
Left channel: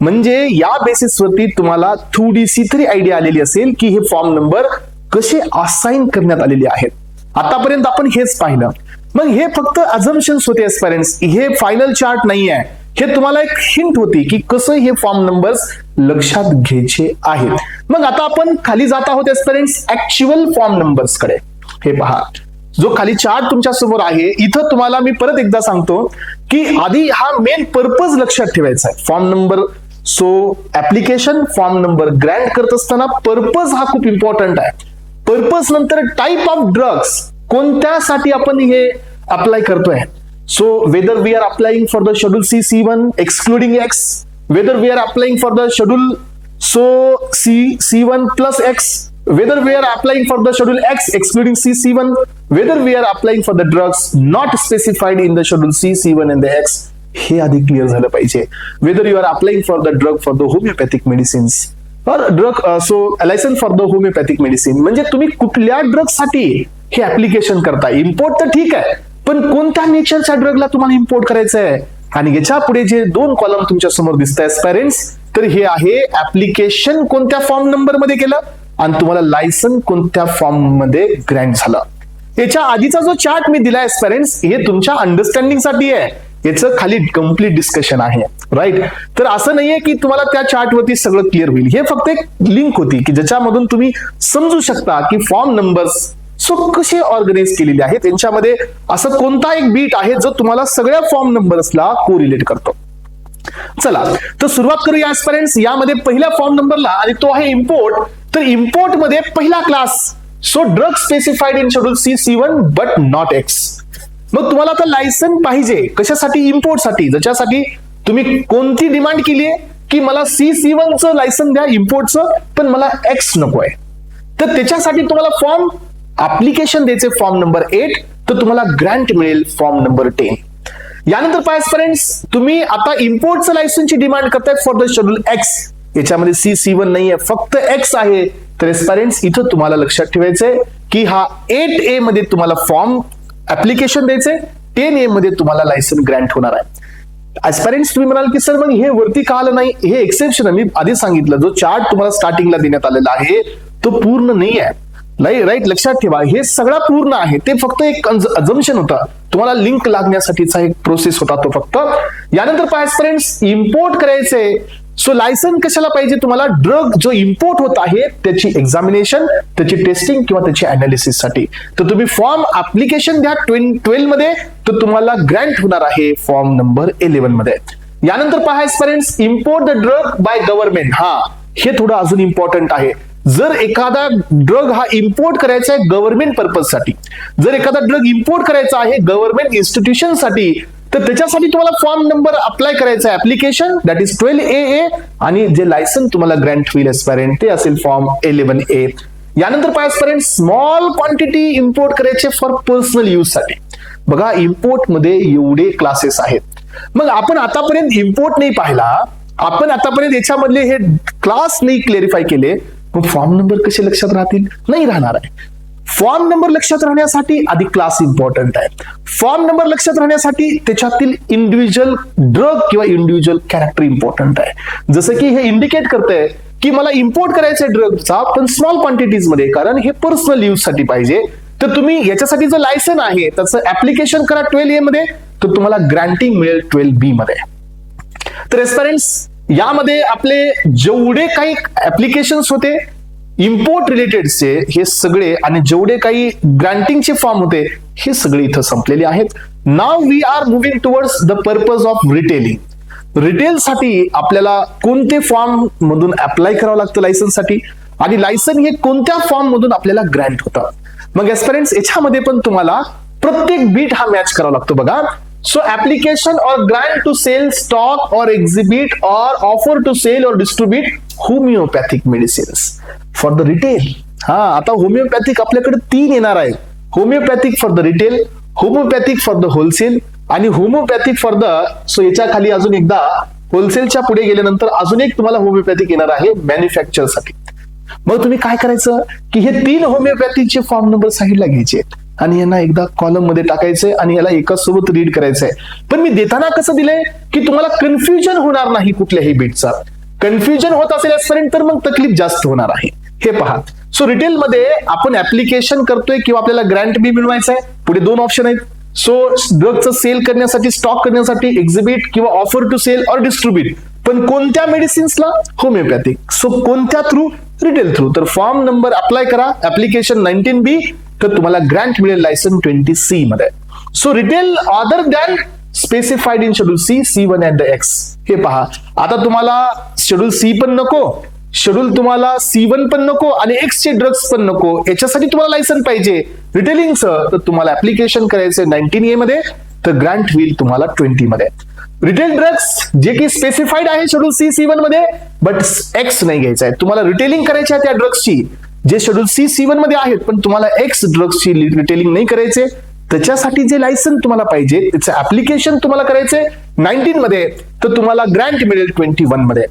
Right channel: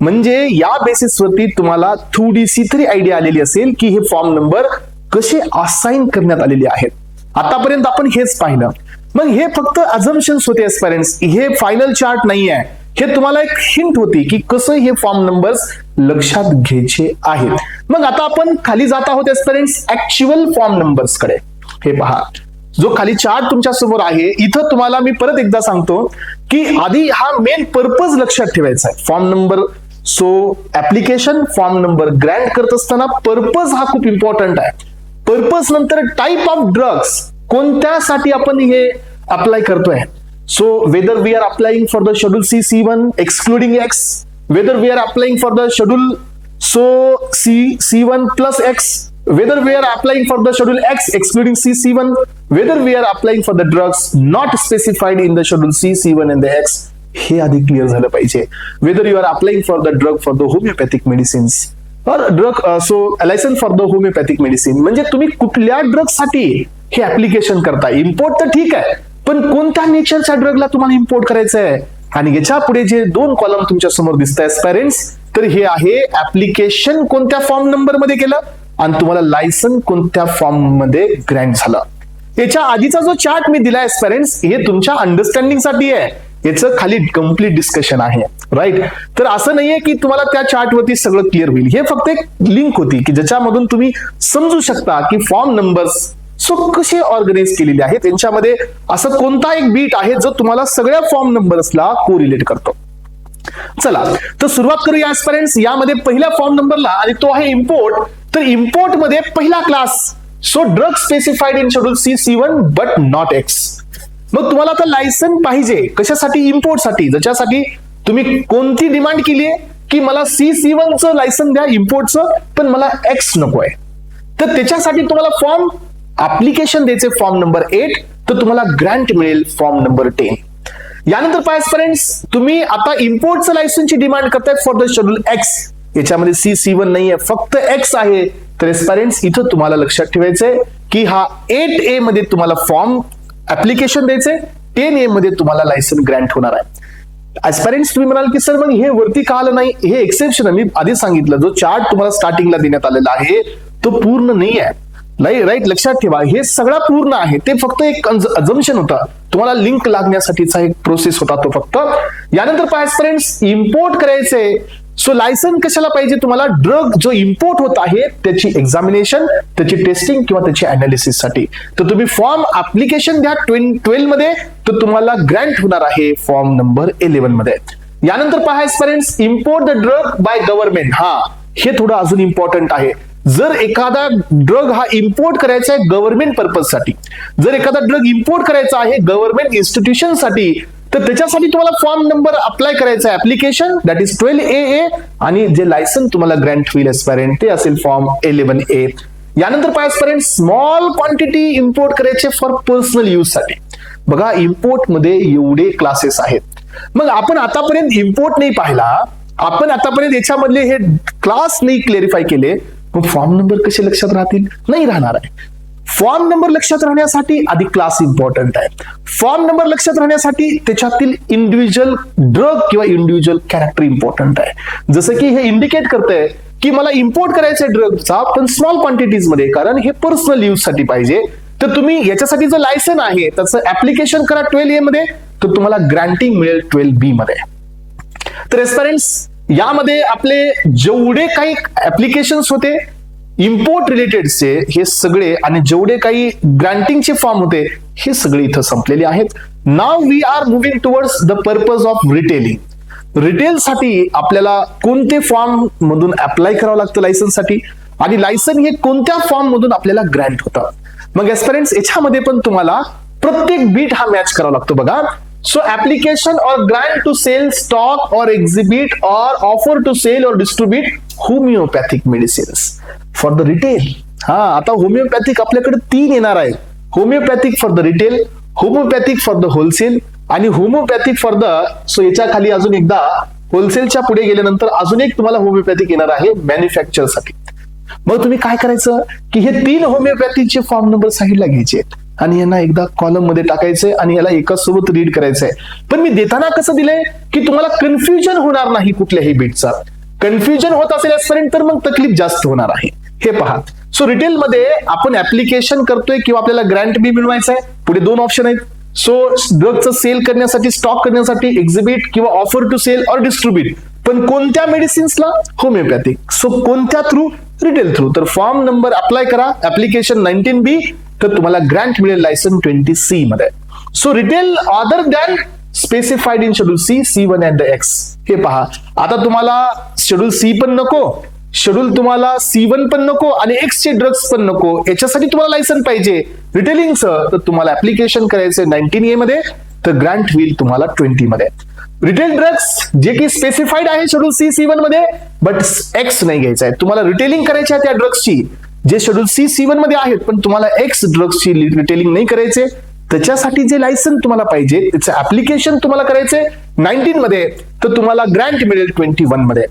म्हणजे या बेसिसवरती तुम्हाला थोडीशी तरी आयडिया आलेली असेल की हे फॉर्म नंबर कसे असाइन करण्यात आलेले आहेत. आतापर्यंत आपण हेच पाहिलं. मग हे फक्त अझम्पशन्स होते एस्पायरन्स, हे फायनल चार्ट नाही आहे, हे तुम्हाला एक हिंट होती की कसं हे फॉर्म नंबर्स लक्षात घ्यायचे आहेत. मग आता आपण खाली जात आहोत एस्पिरंट्स ऍक्च्युअल फॉर्म नंबर्स कडे. हे पहा, जो खाली चार्ट तुमच्या समोर आहे, इथं तुम्हाला मी परत एकदा सांगतो की आधी हा मेन पर्पज लक्षात ठेवायचा आहे form number. So application form number Grant करत असताना पर्पज हा खूप इम्पॉर्टंट आहे. पर्पज नंतर टाइप ऑफ ड्रग्स, कोणत्यासाठी आपण हे अप्लाय करतोय. So whether we are applying for the schedule C1 excluding X, whether we are applying for the schedule C1 plus X, whether we are applying for the schedule X excluding C1, whether we are applying for the drugs not specified in the schedule C1 and the X, हे आधी clear झालं पाहिजे. whether you are applying for the drug for the homeopathic medicines or drug also license for the homeopathic medicine, म्हणजे तुम्ही कुठल्या drug साठी हे application करता. इम्पोर्ट तर ठीक आहे, पण कोणत्या नेचरच्या ड्रगला तुम्हाला इम्पोर्ट करायचं आहे. आणि याच्या पुढे जे दोन कॉलम तुमच्या समोर दिसत आहेत पॅरेंट्स, तर हे आहे ऍप्लिकेशन कोणत्या फॉर्म नंबर मध्ये केलं आणि तुम्हाला लायसन कोणत्या फॉर्म मध्ये ग्रँट झाला. याच्या आधीचा जो चार्ट मी दिलाय पॅरेंट्स, हे तुमच्या अंडरस्टँडिंग साठी आहे. याचं खाली कम्प्लीट डिस्कशन आहे, राईट. तर असं नाहीये की तुम्हाला त्या चार्ट वरती सगळं क्लिअर होईल. हे फक्त एक लिंक होती की ज्याच्यामधून तुम्ही समजू शकता की फॉर्म नंबर्स कशी ऑर्गनाइज केलेली आहेत. त्यांच्यामध्ये असं कोणता एक बीट आहे जो तुम्हाला सगळ्या फॉर्म नंबर्सला कोरिलेट करतो. चला तर सुरुवात करूया आजपर्यंत. यामध्ये पहिल्या फॉर्म नंबरला, आणि तो आहे इम्पोर्ट. तर इम्पोर्ट मध्ये पहिला class, so drug specified in schedule C1 but not X. मग तुम्हाला आता लायसन पाहिजे कशासाठी? इम्पोर्ट साठी. ज्याच्यासाठी तुम्ही कोणती डिमांड केली आहे की मला C1 चं लायसन द्या इम्पोर्टचं, पण मला X नको आहे. तर त्याच्यासाठी तुम्हाला फॉर्म ऍप्लिकेशन द्यायचे फॉर्म नंबर 8, तर तुम्हाला ग्रँट मिळेल फॉर्म नंबर 10. यानंतर फ्रेंड्स, तुम्ही आता इम्पोर्टचं लायसनची डिमांड करतायत फॉर द शेड्यूल X. याच्यामध्ये C1 नाहीये, फक्त X आहे. तर फ्रेंड्स इथं तुम्हाला लक्षात ठेवायचंय की हा 8A मध्ये तुम्हाला फॉर्म ऍप्लिकेशन द्यायचे, 10A मध्ये तुम्हाला लायसन ग्रँट होणार आहे. ऍस्पायरंट्स तुम्ही म्हणाल की सर मग हे वरती का आलं नाही? हे एक्सेप्शन आहे. मी आधी सांगितलं, जो चार्ट तुम्हाला स्टार्टिंगला देण्यात आलेला आहे तो पूर्ण नाही आहे. राईट, लक्षात ठेवा, हे सगळा पूर्ण आहे. ते फक्त एक अजम्पशन होता, तुम्हाला लिंक लागण्यासाठीचा एक प्रोसेस होता तो फक्त. यानंतर फ्रेंड्स, इम्पोर्ट करायचे. सो लायसन कशाला पाहिजे तुम्हाला? ड्रग जो इम्पोर्ट होत आहे त्याची एक्झामिनेशन, त्याची टेस्टिंग किंवा त्याची अनालिसिस साठी. तर तुम्ही फॉर्म ऍप्लिकेशन द्या 12 मध्ये, तर तुम्हाला ग्रँट होणार आहे फॉर्म नंबर 11 मध्ये. यानंतर friends, import the drug by government. हा, हे थोडं अजून इम्पॉर्टंट आहे. जर एखादा ड्रग हा इम्पोर्ट करायचा आहे गव्हर्नमेंट पर्पज साठी, जर एखादा ड्रग इम्पोर्ट करायचा आहे गव्हर्नमेंट इन्स्टिट्यूशन साठी, तर त्याच्यासाठी तुम्हाला फॉर्म नंबर अप्लाय करायचा आहे ऍप्लिकेशन, दॅट इज 12AA, आणि जे लायसन तुम्हाला ग्रँट होईल एस्पायरंट ते असेल फॉर्म 11A. यानंतर एस्पायरंट, स्मॉल क्वांटिटी इम्पोर्ट करायचे फॉर पर्सनल यूज साठी. बघा, इम्पोर्ट मध्ये एवढे क्लासेस आहेत. मग आपण आतापर्यंत इम्पोर्ट नाही पाहिला, आपण आतापर्यंत याच्यामधले हे क्लास नाही क्लेरिफाय केले, मग फॉर्म नंबर कसे लक्षात राहतील? नाही राहणार आहे. फॉर्म नंबर लक्षात राहण्यासाठी आधी क्लास इम्पॉर्टंट आहे. फॉर्म नंबर लक्षात राहण्यासाठी त्याच्यातील इंडिव्हिज्युअल ड्रग किंवा इंडिव्हिज्युअल कॅरेक्टर इम्पॉर्टंट आहे. जसं की हे इंडिकेट करतंय की मला इम्पोर्ट करायचं आहे ड्रगचा, पण स्मॉल क्वांटिटीज मध्ये, कारण हे पर्सनल यूज साठी पाहिजे. तर तुम्ही याच्यासाठी जो लायसन आहे त्याचं ऍप्लिकेशन करा 12A मध्ये, तर तुम्हाला ग्रँटिंग मिळेल 12B मध्ये. तर एस्पायरंट्स, यामध्ये आपले जेवढे काही ऍप्लिकेशन्स होते इम्पोर्ट रिलेटेडचे, हे सगळे, आणि जेवढे काही ग्रँटिंगचे फॉर्म होते हे सगळे इथं संपलेले आहेत. Now we are moving towards the purpose of retailing. Retail साठी आपल्याला कोणते फॉर्म मधून अप्लाय करावं लागतं लायसन साठी, आणि लायसन हे कोणत्या फॉर्म मधून आपल्याला ग्रँट होतं. मग एस्पिरंट्स, याच्यामध्ये पण तुम्हाला प्रत्येक बीट हा मॅच करावा लागतो. बघा, so application or grant to sell stock or exhibit or offer to sell or distribute homeopathic medicines for the retail. हा, आता होमिओपॅथिक आपल्याकडे 3 येणार आहे. Homeopathic for the retail, homeopathic for the wholesale, आणि होमिओपॅथिक फॉर द, सो याच्या खाली अजून एकदा होलसेलच्या पुढे गेल्यानंतर अजून एक तुम्हाला होमिओपॅथिक येणार आहे मॅन्युफॅक्चर साठी. मग तुम्ही काय करायचं की हे 3 होमिओपॅथीचे फॉर्म नंबर साईडला घ्यायचे आणि यांना एकदा कॉलम मध्ये टाकायचंय आणि याला एकाच सोबत रीड करायचंय. पण मी देताना कसं दिलंय की तुम्हाला कन्फ्युजन होणार नाही कुठल्याही बीटचा. कन्फ्युजन होत असेल तर मग तकलीफ जास्त होणार आहे. हे पहा, सो रिटेल मध्ये आपण ऍप्लिकेशन करतोय किंवा आपल्याला ग्रँट बी मिळवायचंय. पुढे 2 ऑप्शन आहेत. सो ड्रगचं सेल करण्यासाठी, स्टॉक करण्यासाठी एक्झिबिट किंवा offer to sale or distribute. पण कोणत्या मेडिसिन्सला? होमिओपॅथिक. सो कोणत्या थ्रू? Retail through. तर फॉर्म नंबर अप्लाय करा, ऍप्लिकेशन 19B, तर तुम्हाला ग्रँट मिळेल लायसन 20C मध्ये. So retail other than specified in schedule C, C1 and X. हे पहा, आता तुम्हाला शेड्यूल सी पण नको, शेड्यूल तुम्हाला C1 पण नको आणि X चे ड्रग्स पण नको. याच्यासाठी तुम्हाला लायसन पाहिजे रिटेलिंगचं, तर तुम्हाला ऍप्लिकेशन करायचं 19A मध्ये, तर ग्रँट होईल तुम्हाला 20 मध्ये. रिटेल ड्रग्स जे काही स्पेसिफाईड आहे शेड्यूल सी, C1 मध्ये, बट X नाही घ्यायचा आहे. तुम्हाला रिटेलिंग करायची आहे त्या ड्रग्सची जे शेड्यूल सी, C1 मध्ये आहेत, पण तुम्हाला X ड्रग्सची रिटेलिंग नाही करायचे. त्याच्यासाठी जे लायसन तुम्हाला पाहिजे त्याचं ऍप्लिकेशन तुम्हाला करायचंय 19 मध्ये, तर तुम्हाला ग्रँट मिळेल 21 मध्ये.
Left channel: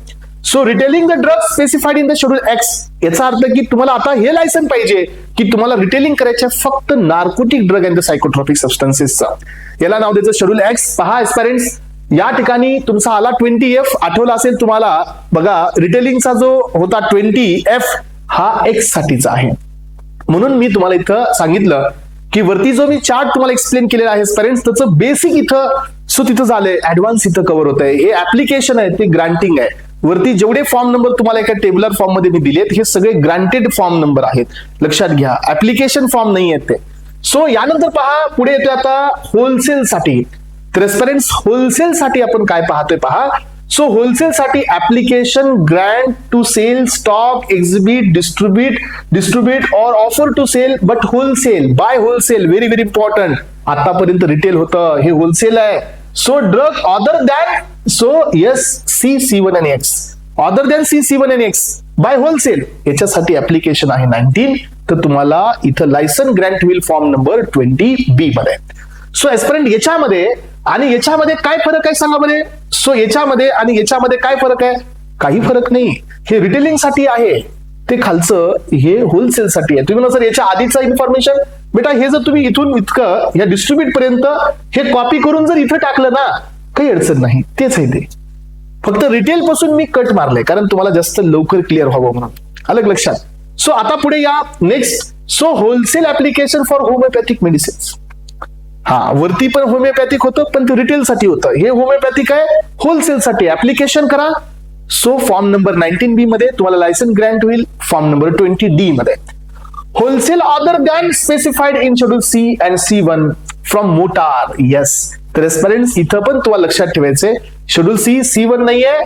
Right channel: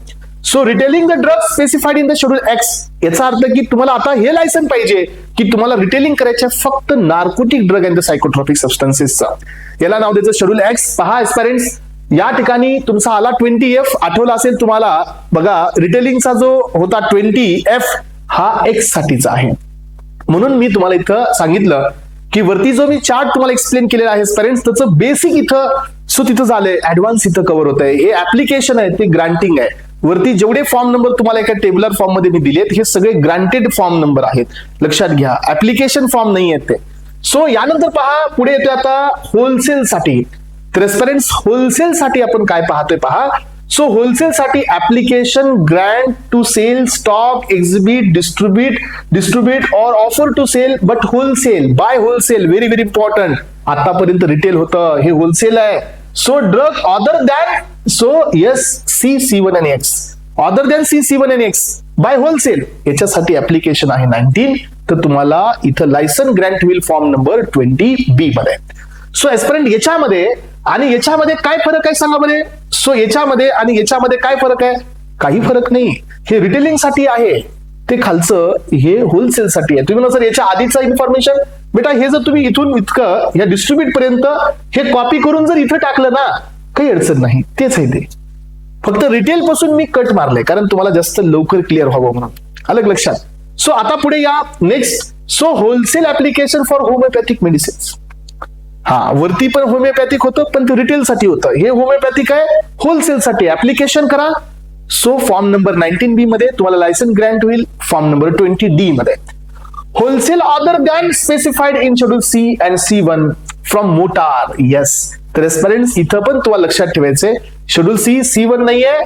So retailing the drugs specified in the schedule X, याचा अर्थ की तुम्हाला आता हे लायसन पाहिजे की तुम्हाला रिटेलिंग करायचे फक्त नार्कोटिक ड्रग अँड द सायकोट्रॉपिक सबस्टन्सेसचा. याला नाव द्यायचं शेड्यूल X. पहा एस्पायरंट्स, या ठिकाणी तुमचा आला 20F, आठवला असेल तुम्हाला. बघा, रिटेलिंगचा जो होता 20F हा X साठीचा आहे. म्हणून मी तुम्हाला इथं सांगितलं की वरती जो मी चार्ट तुम्हाला एक्सप्लेन केलेला आहे पेरेंट्स, त्याचं बेसिक इथं सो तिथं झालंय, ऍडव्हान्स इथं कव्हर होत आहे. हे ऍप्लिकेशन आहे, ते ग्रांटिंग आहे. वरती जेवढे फॉर्म नंबर तुम्हाला एका टेबलर फॉर्म मध्ये मी दिलेत, हे सगळे ग्रांटेड फॉर्म नंबर आहेत, लक्षात घ्या. ऍप्लिकेशन फॉर्म नाही आहेत ते. सो यानंतर पहा, पुढे येतो आता होलसेल साठी. तर पेरेंट्स, होलसेल साठी आपण काय पाहतोय पहा. सो होलसेल साठी application grant to sale, stock, exhibit, distribute or offer to sale, but wholesale, by wholesale. Very very important. आतापर्यंत रिटेल होतं, हे होलसेल आहे. So drug other than, so yes, C1 आणि X, अदर दॅन C1 आणि X by wholesale, याच्यासाठी application आहे 19. तर तुम्हाला इथं लायसन ग्रँट होईल फॉर्म नंबर 20B मध्ये. सो एस्पिरंट, याच्यामध्ये आणि याच्यामध्ये काय फरक आहे सांगा बरे. सो याच्यामध्ये आणि याच्यामध्ये काय फरक आहे? काही फरक नाही. हे रिटेलिंग साठी आहे, ते खालचं हे होलसेल साठी आहे. तुम्ही म्हणा सर याच्या आधीचं इन्फॉर्मेशन, बेटा हे जर तुम्ही इथून इतकं ह्या डिस्ट्रीब्यूट पर्यंत हे कॉपी करून जर इथं टाकलं ना, काही अडचण नाही, तेच आहे ते. फक्त रिटेल पासून मी कट मारलंय कारण तुम्हाला जास्त लवकर क्लिअर व्हावं म्हणून. आलं लक्षात? सो आता पुढे या next. So wholesale application for homeopathic medicines. हा, वरती पण होमिओपॅथिक होतं, पण ते रिटेल साठी होतं. हे होमिओपॅथिक आहे, होलसेल साठी ऍप्लिकेशन करा. सो फॉर्म नंबर 19B मध्ये तुम्हाला लायसन ग्रँट होईल फॉर्म नंबर 20D मध्ये. Wholesale other than specified in schedule C and C1 from motor. Yes, तर एस्पिरंट्स इथं पण तुम्हाला लक्षात ठेवायचंय, शेड्यूल सी, C1 नाहीये.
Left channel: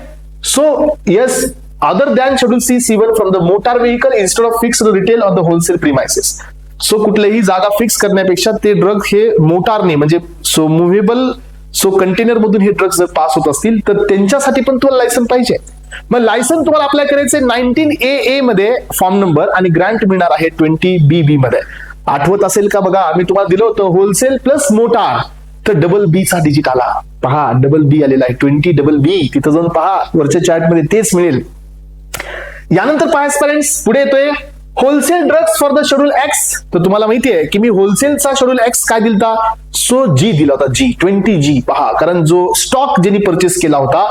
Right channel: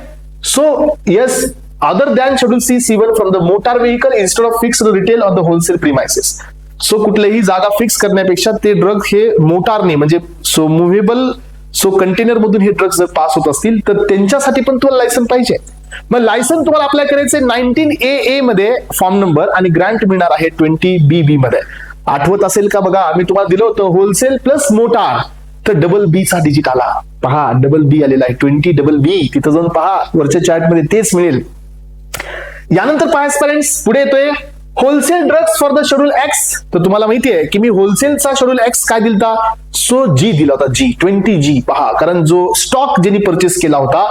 So yes, other than schedule C, C1 from the motor vehicle instead of fixed retail or the wholesale premises. So कुठलीही जागा fix करण्यापेक्षा ते ड्रग हे मोटारने, म्हणजे सो मुव्हेबल, सो कंटेनर मधून हे ड्रग्स पास होत असतील, तर त्यांच्यासाठी पण तुम्हाला लायसन पाहिजे. मग लायसन तुम्हाला अप्लाय करायचं 19AA मध्ये फॉर्म नंबर, आणि ग्रँट मिळणार आहे 20BB मध्ये. आठवत असेल का बघा, मी तुम्हाला दिलं होतं होलसेल प्लस मोटार, तर डबल B चा डिजिट आला. पहा, डबल B आलेला आहे, 20BB. तिथं जाऊन पहा, वरच्या चार्ट मध्ये तेच मिळेल. यानंतर पहा पेरेंट्स, पुढे येतोय wholesale drugs for the schedule X. तर तुम्हाला माहितीये की मी होलसेलचा शेड्यूल X काय दिलता? सो G दिला होता, G 20G. पहा, कारण जो स्टॉक ज्यांनी परचेस केला होता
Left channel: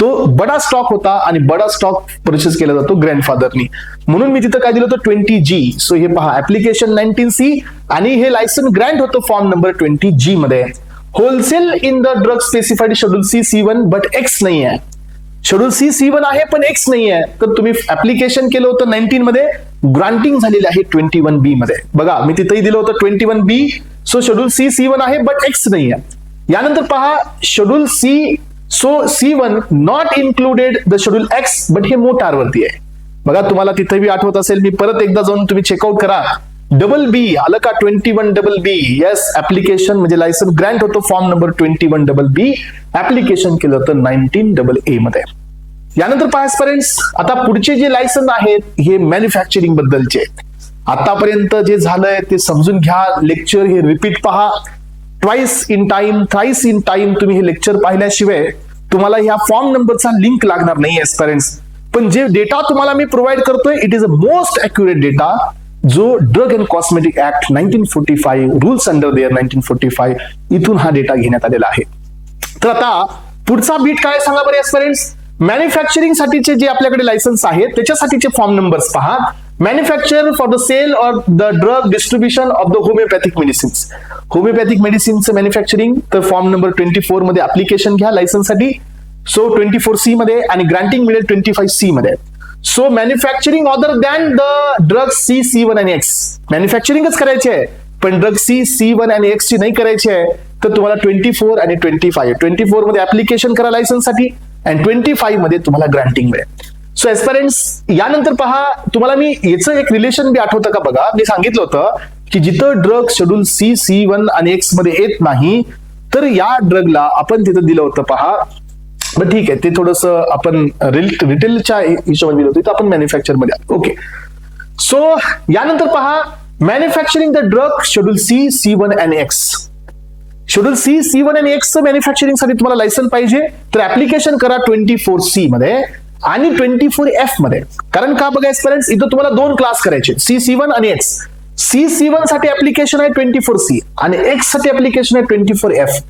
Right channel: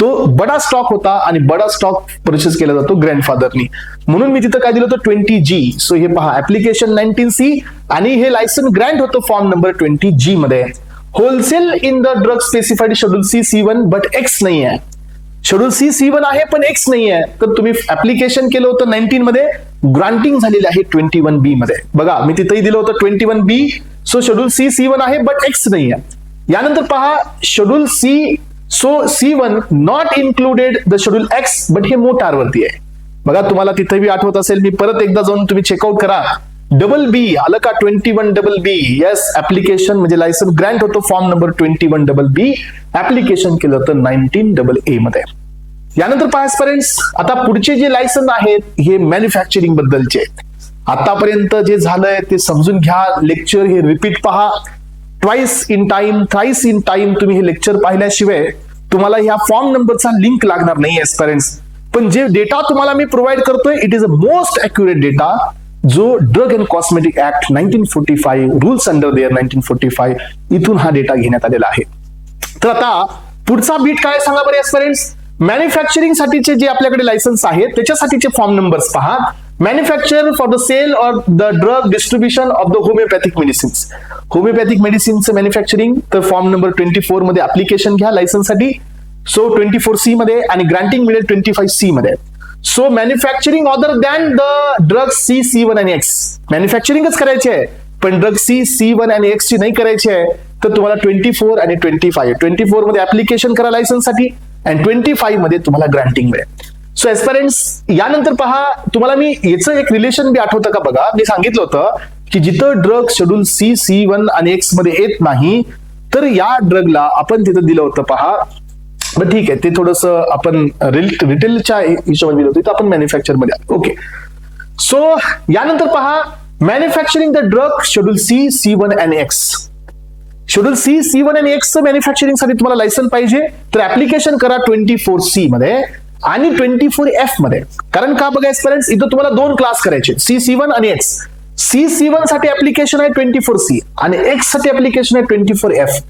तो बडा स्टॉक होता, आणि बडा स्टॉक परचेस केला जातो ग्रँडफादरनी, म्हणून मी तिथं काय दिलं होतं 20G. सो हे पहा, ऍप्लिकेशन 19C, आणि हे लायसन ग्रँट होतं फॉर्म नंबर 20G मध्ये. Wholesale in the drug specified schedule C, C1, but X नाही आहे. शेड्यूल सी, C1 आहे पण X नाही आहे. तर तुम्ही ऍप्लिकेशन केलं होतं 19 मध्ये, ग्रांटिंग झालेलं आहे 21B मध्ये. बघा, मी तिथेही दिलं होतं 21B. So schedule C, C1 आहे बट X नाही आहे. यानंतर पहा, schedule C, so C1 not included the schedule X, but हे मोटार वरती आहे. बघा, तुम्हाला तिथे बी आठवत असेल, मी परत एकदा जाऊन तुम्ही चेकआउट करा. डबल B आलं का? 21BB. येस, ऍप्लिकेशन म्हणजे लायसन ग्रँट होतं फॉर्म नंबर 21BB. ऍप्लिकेशन केलं होतं 19AA मध्ये. यानंतर पेरेंट्स, आता पुढचे जे लायसन आहेत हे मॅन्युफॅक्चरिंग बद्दलचे. आतापर्यंत जे झालंय ते समजून घ्या. लेक्चर हे रिपीट पहा, twice in time, thrice in time. तुम्ही हे लेक्चर पाहिल्याशिवाय तुम्हाला ह्या फॉर्म नंबरचा लिंक लागणार नाही पेरेंट्स. पण जे डेटा तुम्हाला मी प्रोव्हाइड करतोय, it is a most accurate data, जो drug and cosmetic act 1945, rules under their 1945, इथून हा डेटा घेण्यात आलेला आहे. तर आता पुढचा बीट काय सांगा बरे पेरेंट्स. मॅन्युफॅक्चरिंग साठीचे जे आपल्याकडे लायसन्स आहेत त्याच्यासाठीचे फॉर्म नंबर्स पहा. Manufacture for the sale or the drug distribution of the homeopathic medicines. Homeopathic मेडिसिनचं मॅन्युफॅक्चरिंग, तर फॉर्म नंबर 24 मध्ये ऍप्लिकेशन घ्या लायसन्ससाठी. सो 24C मध्ये आणि ग्रांटिंग मिळेल 25C मध्ये. So manufacturing other than the drug C, C1 आणि X. मॅन्युफॅक्चरिंगच करायची आहे, पण ड्रग C, C1 आणि X ची नाही करायची आहे. तर तुम्हाला 24 आणि 25, 24 मध्ये ऍप्लिकेशन करा लायसन्ससाठी आणि 25 मध्ये तुम्हाला ग्रांटिंग मिळेल. सो एस्पिरंट्स, यानंतर पहा, तुम्हाला मी याचं एक रिलेशन बी आठवतं का बघा. मी सांगितलं होतं की जिथं ड्रग शेड्यूल C, C1 आणि X मध्ये येत नाही, तर या ड्रगला आपण तिथं दिलं होतं पहा. बरं ठीक आहे, ते थोडस आपण रिटेलच्या हिशोबाने दिलं होतं, तर आपण मॅन्युफॅक्चर मध्ये. ओके, सो यानंतर पहा, manufacturing the drug schedule C, C1 आणि X. शेड्यूल C, C1 आणि X मॅन्युफॅक्चरिंग साठी तुम्हाला लायसन पाहिजे, तर ऍप्लिकेशन करा 24C मध्ये आणि 24F मध्ये. कारण का बघा एस्पिरंट्स, इथं तुम्हाला दोन क्लास करायचे, C, C1 आणि X. C, C1 साठी ऍप्लिकेशन आहे 24C आणि X साठी ऍप्लिकेशन आहे 24F.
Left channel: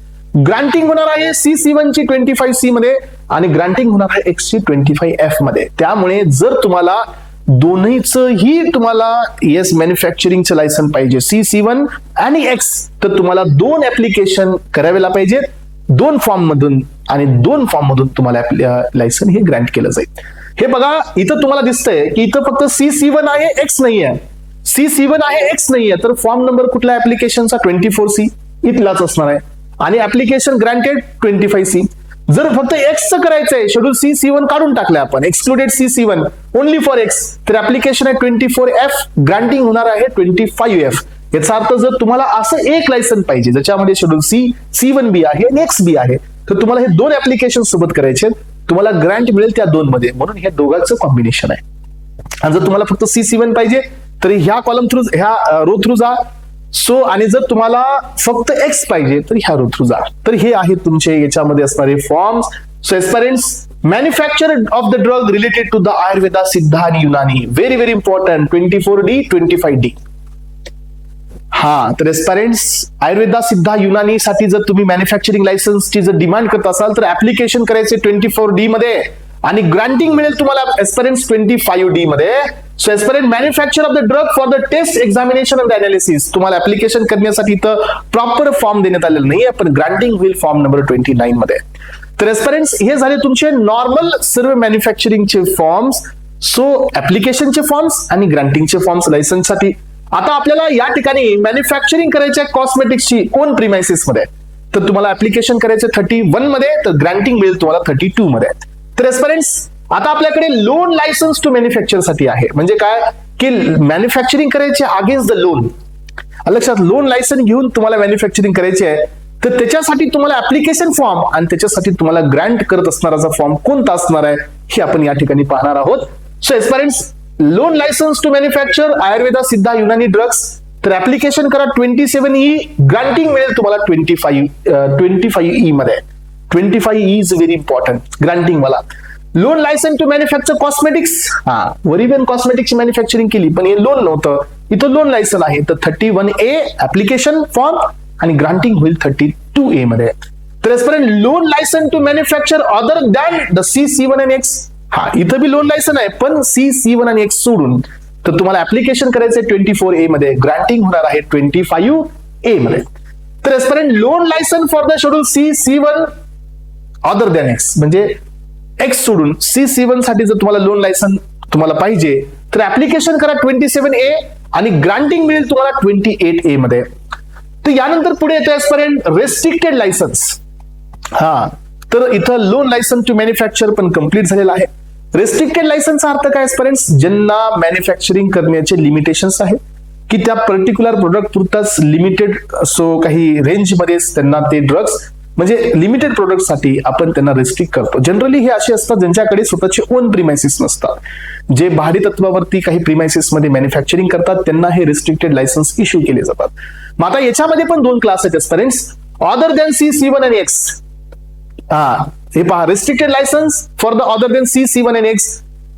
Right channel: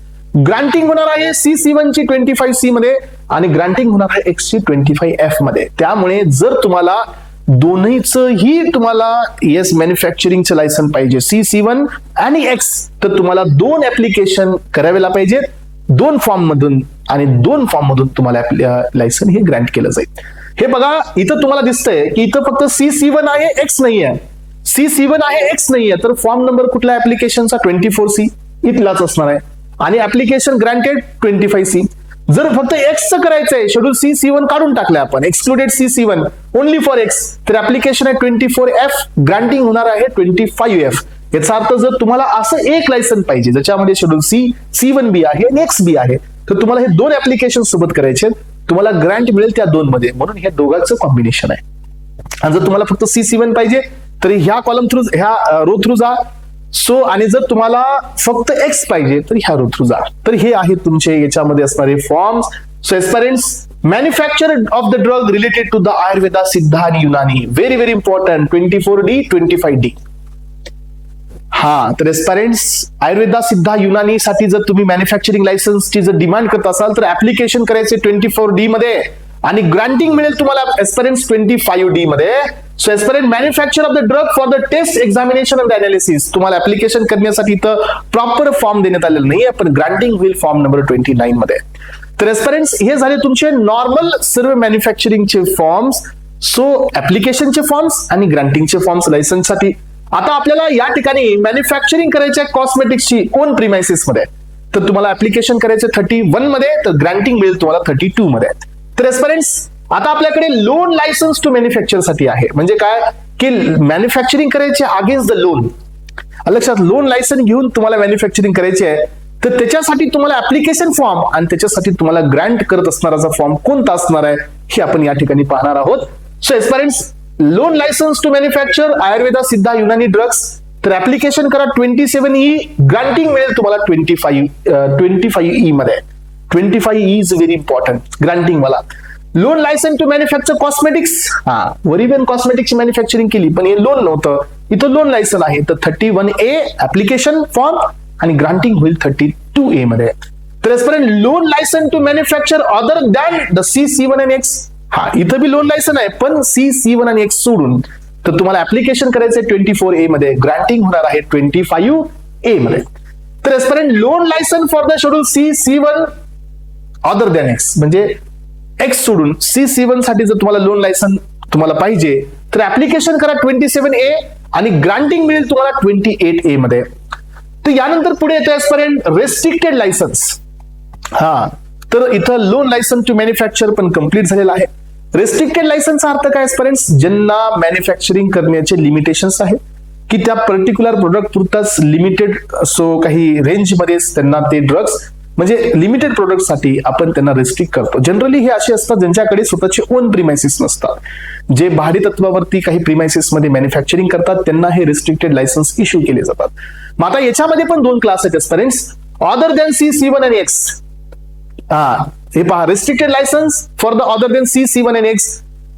ग्रांटिंग होणार आहे C, C1 ची 25C मध्ये आणि ग्रांटिंग होणार आहे X ची 25F मध्ये. त्यामुळे जर तुम्हाला दोन्हीचंही तुम्हाला येस मॅन्युफॅक्चरिंगचं लायसन पाहिजे C, C1 आणि X, तर तुम्हाला दोन ऍप्लिकेशन करावेला पाहिजे, दोन फॉर्म मधून, आणि दोन फॉर्म मधून तुम्हाला लायसन हे ग्रँट केलं जाईल. हे बघा, इथं तुम्हाला दिसतंय की इथं फक्त C, C1 आहे, X नाही आहे. C, C1 आहे, X नाही आहे, तर फॉर्म नंबर कुठला ऍप्लिकेशनचा 24C इथलाच असणार आहे आणि ऍप्लिकेशन ग्रँटेड 25C. जर फक्त X चं करायचं आहे, शेड्यूल C, C1 काढून टाकलं आपण, excluded C, C1 only for X, तर ऍप्लिकेशन आहे 24F, ग्रँटिंग होणार आहे 25F. याचा अर्थ जर तुम्हाला असं एक लायसन पाहिजे ज्याच्यामध्ये शेड्यूल C, C1 बी आहे, X बी आहे, तर तुम्हाला हे दोन ऍप्लिकेशन सोबत करायचे, तुम्हाला ग्रँट मिळेल त्या दोन मध्ये, म्हणून हे दोघांचं कॉम्बिनेशन आहे. आणि जर तुम्हाला फक्त C, C1 पाहिजे तर ह्या कॉलम थ्रू, ह्या रो थ्रू जा. सो आणि जर तुम्हाला फक्त X पाहिजे तर ह्या रो थ्रू जा. तर हे आहेत तुमचे याच्यामध्ये असणारे forms. So aspirants, manufacture of the drug related to the Ayurveda, Siddha आणि Unani, very very important. 24D, 25D. हा, तर एस्पिरंट्स, आयुर्वेदा, सिद्धा, युनानी साठी जर तुम्ही मॅन्युफॅक्चरिंग लायसन्सची जर डिमांड करत असाल तर ऍप्लिकेशन करायचे 24D मध्ये आणि ग्रांटिंग मिळेल तुम्हाला एस्पिरंट्स 25D मध्ये. So aspirant, manufacture of the drug for the test, examination and analysis. तुम्हाला ऍप्लिकेशन करण्यासाठी इथं प्रॉपर फॉर्म देण्यात आलेला नाहीये, पण ग्रांटिंग होईल फॉर्म नंबर 29 मध्ये. तर एस्पिरंट्स, हे झाले तुमचे नॉर्मल सर्व मॅन्युफॅक्चरिंगचे फॉर्म्स. सो ऍप्लिकेशनचे फॉर्म्स आणि ग्रांटिंगचे फॉर्म्स लायसन्ससाठी. आता आपल्याला या ठिकाणी मॅन्युफॅक्चरिंग करायचे कॉस्मेटिक्सची ओन प्रिमायसिस मध्ये, तर तुम्हाला ऍप्लिकेशन करायचे 31 मध्ये, तर ग्रांटिंग मिळेल तुम्हाला 32 मध्ये. तर एस्पिरंट्स, आता आपल्याकडे लोन लायसन्स टू मॅन्युफॅक्चर साठी आहे. म्हणजे काय की मॅन्युफॅक्चरिंग करायचे अगेन्स्ट द लोन. लक्षात, लोन लायसन घेऊन तुम्हाला मॅन्युफॅक्चरिंग करायचे आहे, तर त्याच्यासाठी तुम्हाला ऍप्लिकेशन फॉर्म आणि त्याच्यासाठी तुम्हाला ग्रँट करत असणारा फॉर्म कोणता असणार आहे हे आपण या ठिकाणी पाहणार आहोत. So aspirants, loan licence to manufacture Ayurveda, Siddha, Unani drugs, तर ऍप्लिकेशन करा 27E, ग्रँटिंग मिळेल तुम्हाला 25E मध्ये. 25E is very important, granting मला. Loan licence to manufacture cosmetics, हा वरिबेन कॉस्मेटिक्सची मॅन्युफॅक्चरिंग केली पण हे लोन नव्हतं, इथे लोन लायसन आहे, तर 31A ऍप्लिकेशन फॉर्म आणि ग्रांटिंग होईल 32A मध्ये. तर aspirant, loan licence to manufacture other than the C, C1 आणि X. हा, इथं बी लोन लायसन आहे पण C, C1 आणि X सोडून, तर तुम्हाला ऍप्लिकेशन करायचंय 24A मध्ये, ग्रांटिंग होणार आहे 25A मध्ये. तर aspirant, loan licence for the schedule C, C1 other than X, म्हणजे X सोडून C, C1 साठी जर तुम्हाला लोन लायसन तुम्हाला पाहिजे तर ऍप्लिकेशन करा 27A आणि ग्रांटिंग मिळेल तुम्हाला 28A मध्ये. तर यानंतर पुढे येतो एस्पिरंट रेस्ट्रिक्टेड लायसन्स. हा, तर इथं लोन लायसन टू मॅन्युफॅक्चर पण कम्प्लीट झालेला आहे. रेस्ट्रिक्टेड लायसनचा अर्थ काय एस्पिरंट्स, ज्यांना मॅन्युफॅक्चरिंग करण्याचे लिमिटेशन्स आहे की त्या पर्टिक्युलर प्रोडक्ट पुरताच लिमिटेड सो काही रेंज मध्ये त्यांना ते ड्रग्स म्हणजे लिमिटेड प्रोडक्ट साठी आपण त्यांना रेस्ट्रिक्ट करतो. जनरली हे असे असतात ज्यांच्याकडे स्वतःचे ओन प्रिमायसिस नसतात, जे भाडे तत्वावरती काही प्रिमायसिस मध्ये मॅन्युफॅक्चरिंग करतात, त्यांना हे रिस्ट्रिक्टेड लायसन्स इश्यू केले जातात. मग आता याच्यामध्ये पण दोन क्लास आहेत एस्पिरंट्स, अदर दॅन C, C1 आणि X. हे पहा, restricted licence for the other than C, C1 आणि X.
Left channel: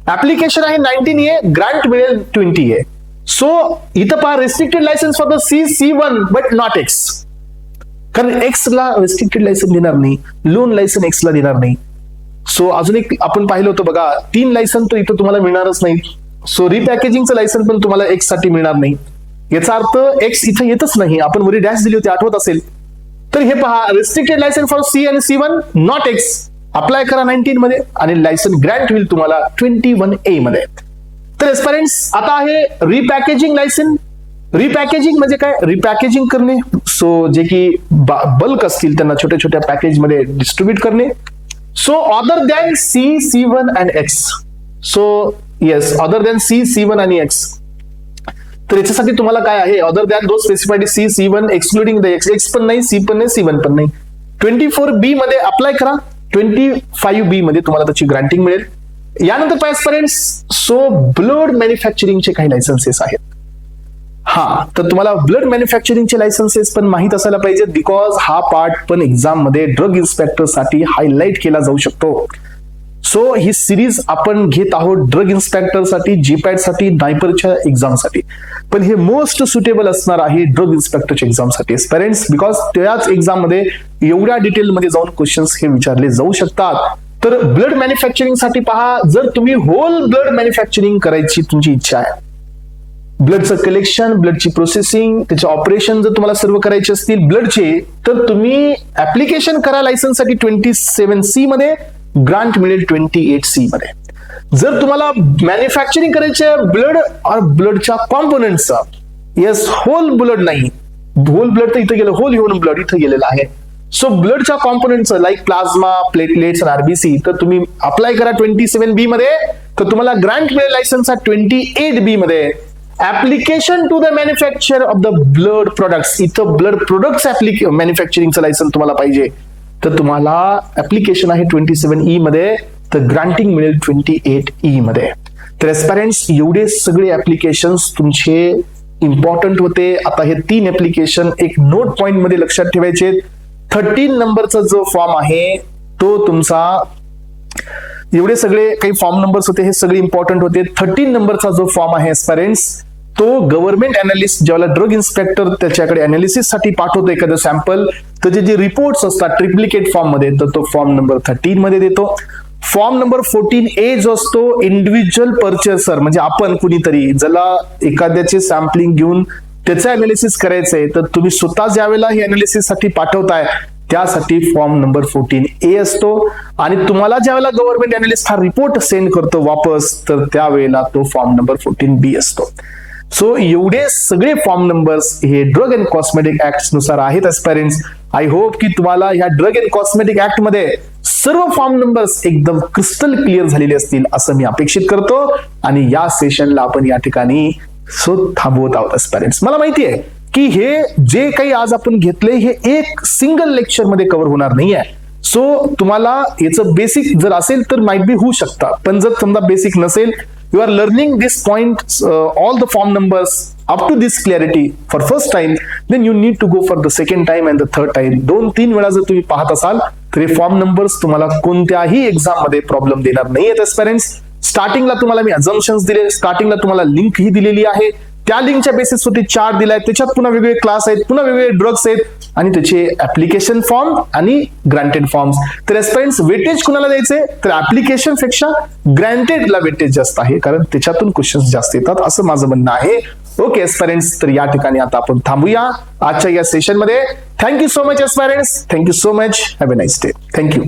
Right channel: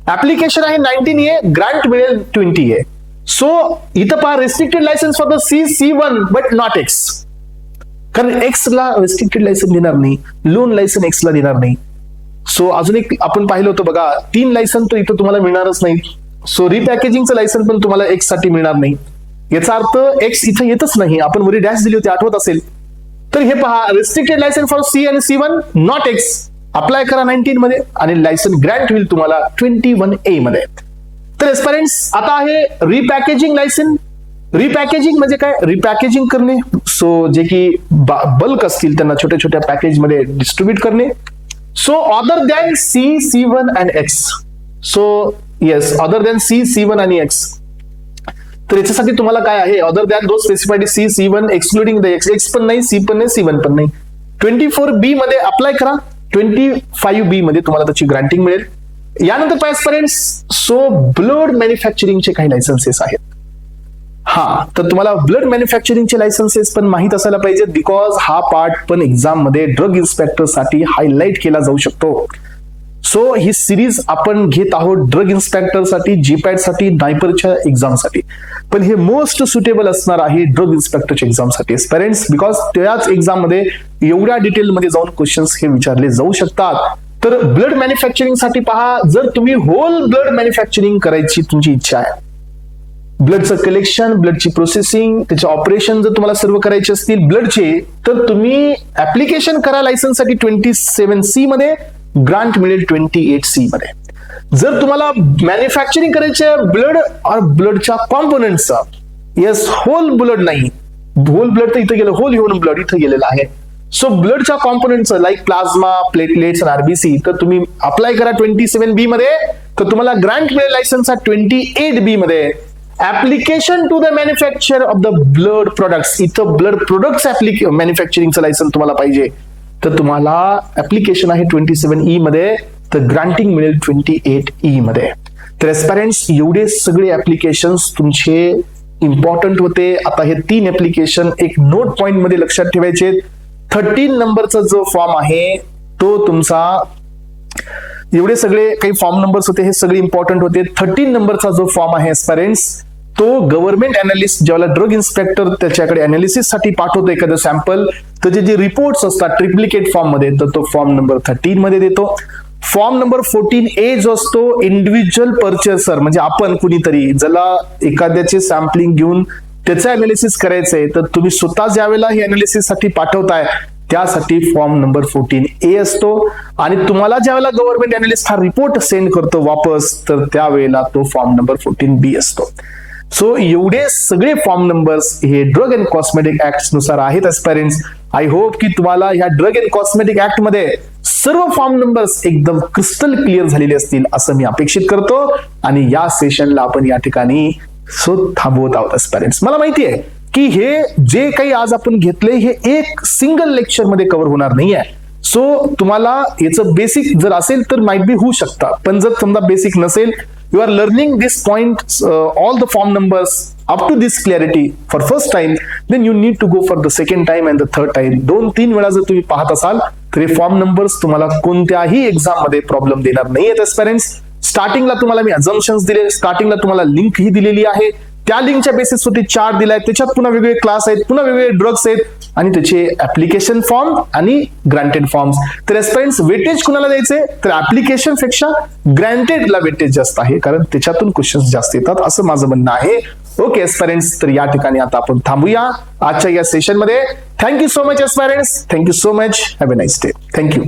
ऍप्लिकेशन आहे 19A, ग्रांट मिळेल 20A. सो इथं पहा, restricted licence for the C, C1 but not X. कारण X ला रेस्ट्रिक्टेड लायसन देणार नाही, लोन लायसन X ला देणार नाही. सो अजून एक आपण पाहिलं होतं बघा, 3 लायसन तर इथं तुम्हाला मिळणारच नाही. सो रिपॅकेजिंगचं लायसन पण तुम्हाला एक्स साठी मिळणार नाही. याचा अर्थ एक्स इथे येतच नाही. आपण वरी डॅश दिली होती, आठवत असेल. तर हे पहा, रेस्ट्रिक्टेड लायसन फॉर सी आणि C1 नॉट एक्स. अप्लाय करा 19 मध्ये आणि लायसन ग्रांट होईल तुम्हाला 21A मध्ये. तर एस्पिरंट्स, आता आहे रिपॅकेजिंग लायसन. रिपॅकेजिंग म्हणजे काय? रिपॅकेजिंग करणे. सो जे की बल्क असतील त्यांना छोट्या छोट्या पॅकेज मध्ये डिस्ट्रीब्यूट करणे. So other than C, C1 and X. So yes, other than C, C1 आणि X. तर याच्यासाठी तुम्हाला काय आहे? अदर दॅन दोन specified C, C1 excluding the X. X पण नाही, C पण नाही, C1 पण नाही. 24B मध्ये अप्लाय करा. 25B मध्ये तुम्हाला त्याची ग्रांटिंग मिळेल. यानंतर पेरेंट्स, सो ब्लड मॅन्युफॅक्चरिंगचे काही लायसन्सेस आहेत. हा, तर तुम्हाला ब्लड मॅन्युफॅक्चरिंगचे लायसन्सेस पण माहित असायला पाहिजे, बिकॉज हा पार्ट पण एक्झाम मध्ये ड्रग इन्स्पेक्टर साठी हायलाइट केला जाऊ शकतो. सो ही सिरीज आपण घेत आहोत ड्रग इन्स्पेक्टर साठी, जीपॅट साठी, डायपरच्या एक्झाम साठी. पण हे मोस्ट सुटेबल असणार आहे ड्रग इन्स्पेक्टरच्या एक्झाम साठी. एवढ्या डिटेल मध्ये जाऊन क्वेश्चन्स हे विचारले जाऊ शकतात. तर ब्लड मॅन्युफॅक्चरिंग साठी पहा, जर तुम्ही होल ब्लड मॅन्युफॅक्चरिंग करायची तुमची इच्छा आहे, ब्लडचं कलेक्शन, ब्लडची प्रोसेसिंग, त्याचे ऑपरेशन जर तुम्हाला सर्व करायचे असतील ब्लडचे, तर तुम्ही ऍप्लिकेशन करा लायसन्स साठी 27C मध्ये, ग्रांट मिळेल 28C मध्ये. जर तुम्हाला मॅन्युफॅक्चरिंग करायचे ब्लड और ब्लडच्या कॉम्पोनंटचा, येस, होल ब्लड नाही, होल ब्लड तर इथे गेलं, होल ह्युमन ब्लड इथे गेलेलं आहे. सो ब्लडच्या कॉम्पोनंटचा लाईक प्लाझ्मा, प्लेटलेट्स आणि RBC, तर तुम्ही अप्लाय करा 27B मध्ये, तर तुम्हाला ग्रांट मिळेल लायसन्स 28B मध्ये. Application to the manufacture of the blood products, इथं ब्लड प्रोडक्ट्स मॅन्युफॅक्चरिंगचं लायसन तुम्हाला पाहिजे, तर तुम्हाला ऍप्लिकेशन आहे 27E मध्ये, तर ग्रांटिंग मिळेल 28E मध्ये. तर एस्पिरंट्स, एवढे सगळे ऍप्लिकेशन तुमचे इम्पॉर्टंट होते. आता हे 3 ऍप्लिकेशन एक नोट पॉइंट मध्ये लक्षात ठेवायचे. 13 नंबरचा जो फॉर्म आहे तो तुमचा, एवढे सगळे काही फॉर्म नंबर्स होते, हे सगळे इम्पॉर्टंट होते. 13 नंबरचा जो फॉर्म आहे एस्पिरंट्स, तो गव्हर्नमेंट अनालिस्ट ज्याला ड्रग इन्स्पेक्टर त्याच्याकडे अनालिसिस साठी पाठवतो एखादं सॅम्पल, तर जे रिपोर्ट्स असतात ट्रिप्लिकेट फॉर्म मध्ये, तर तो फॉर्म नंबर 13 मध्ये देतो. फॉर्म नंबर 14A जो असतो, इंडिव्हिज्युअल परचेसर, म्हणजे आपण कुणीतरी ज्याला एखाद्याचे सॅम्पलिंग घेऊन त्याचं अनालिसिस करायचंय, तर तुम्ही स्वतः ज्यावेळेला हे अनालिसिस साठी पाठवताय त्यासाठी फॉर्म नंबर 14A असतो. आणि तुम्हाला ज्यावेळेला गव्हर्नमेंट अनालिस्ट हा रिपोर्ट सेंड करतो वापस, तर त्यावेळेला तो फॉर्म नंबर 14B असतो. सो एवढे सगळे फॉर्म नंबर्स हे ड्रग अँड कॉस्मेटिक ऍक्ट नुसार आहेत एस्पिरंट्स. आय होप की तुम्हाला ह्या ड्रग अँड कॉस्मेटिक ऍक्ट मध्ये सर्व फॉर्म नंबर्स एकदम क्रिस्टल क्लिअर झालेले असतील असं मी अपेक्षित करतो. आणि या सेशनला आपण या ठिकाणी थांबवत आहोत एस्पिरंट्स. मला माहिती आहे की हे जे काही आज आपण घेतले हे एक सिंगल लेक्चर मध्ये कव्हर होणार नाहीये. सो तुम्हाला याचं बेसिक जर असेल तर माइट बी होऊ शकता, पण जर समजा बेसिक नसेल, you are learning this point, all the form numbers up to this clarity for first time, then you need to go for the second time and the third time. 2-3 वेळा जर तुम्ही पाहत असाल तर हे फॉर्म नंबर्स तुम्हाला कोणत्याही exam मध्ये प्रॉब्लेम देणार नाहीयेत एस्पिरंट्स. स्टार्टिंगला तुम्हाला मी अझम्पशन्स दिले, स्टार्टिंगला तुम्हाला लिंक ही दिलेली आहे, त्या लिंकच्या बेसिसवरती चार्ट दिलाय, त्याच्यात पुन्हा वेगवेगळे क्लास आहेत, पुन्हा वेगवेगळे ड्रग्स आहेत आणि त्याचे ऍप्लिकेशन फॉर्म आणि ग्रांटेड फॉर्म्स. तर एस्पिरंट्स, वेटेज कुणाला द्यायचे, तर ऍप्लिकेशन पेक्षा ग्रांटेडला वेटेज जास्त आहे, कारण त्याच्यातून क्वेश्चन्स जास्त येतात असं माझं म्हणणं आहे. ओके एस्पिरंट्स, तर या ठिकाणी आता आपण थांबूया आजच्या या सेशन मध्ये. Thank you so much aspirants, thank you so much, have a nice day. Thank you.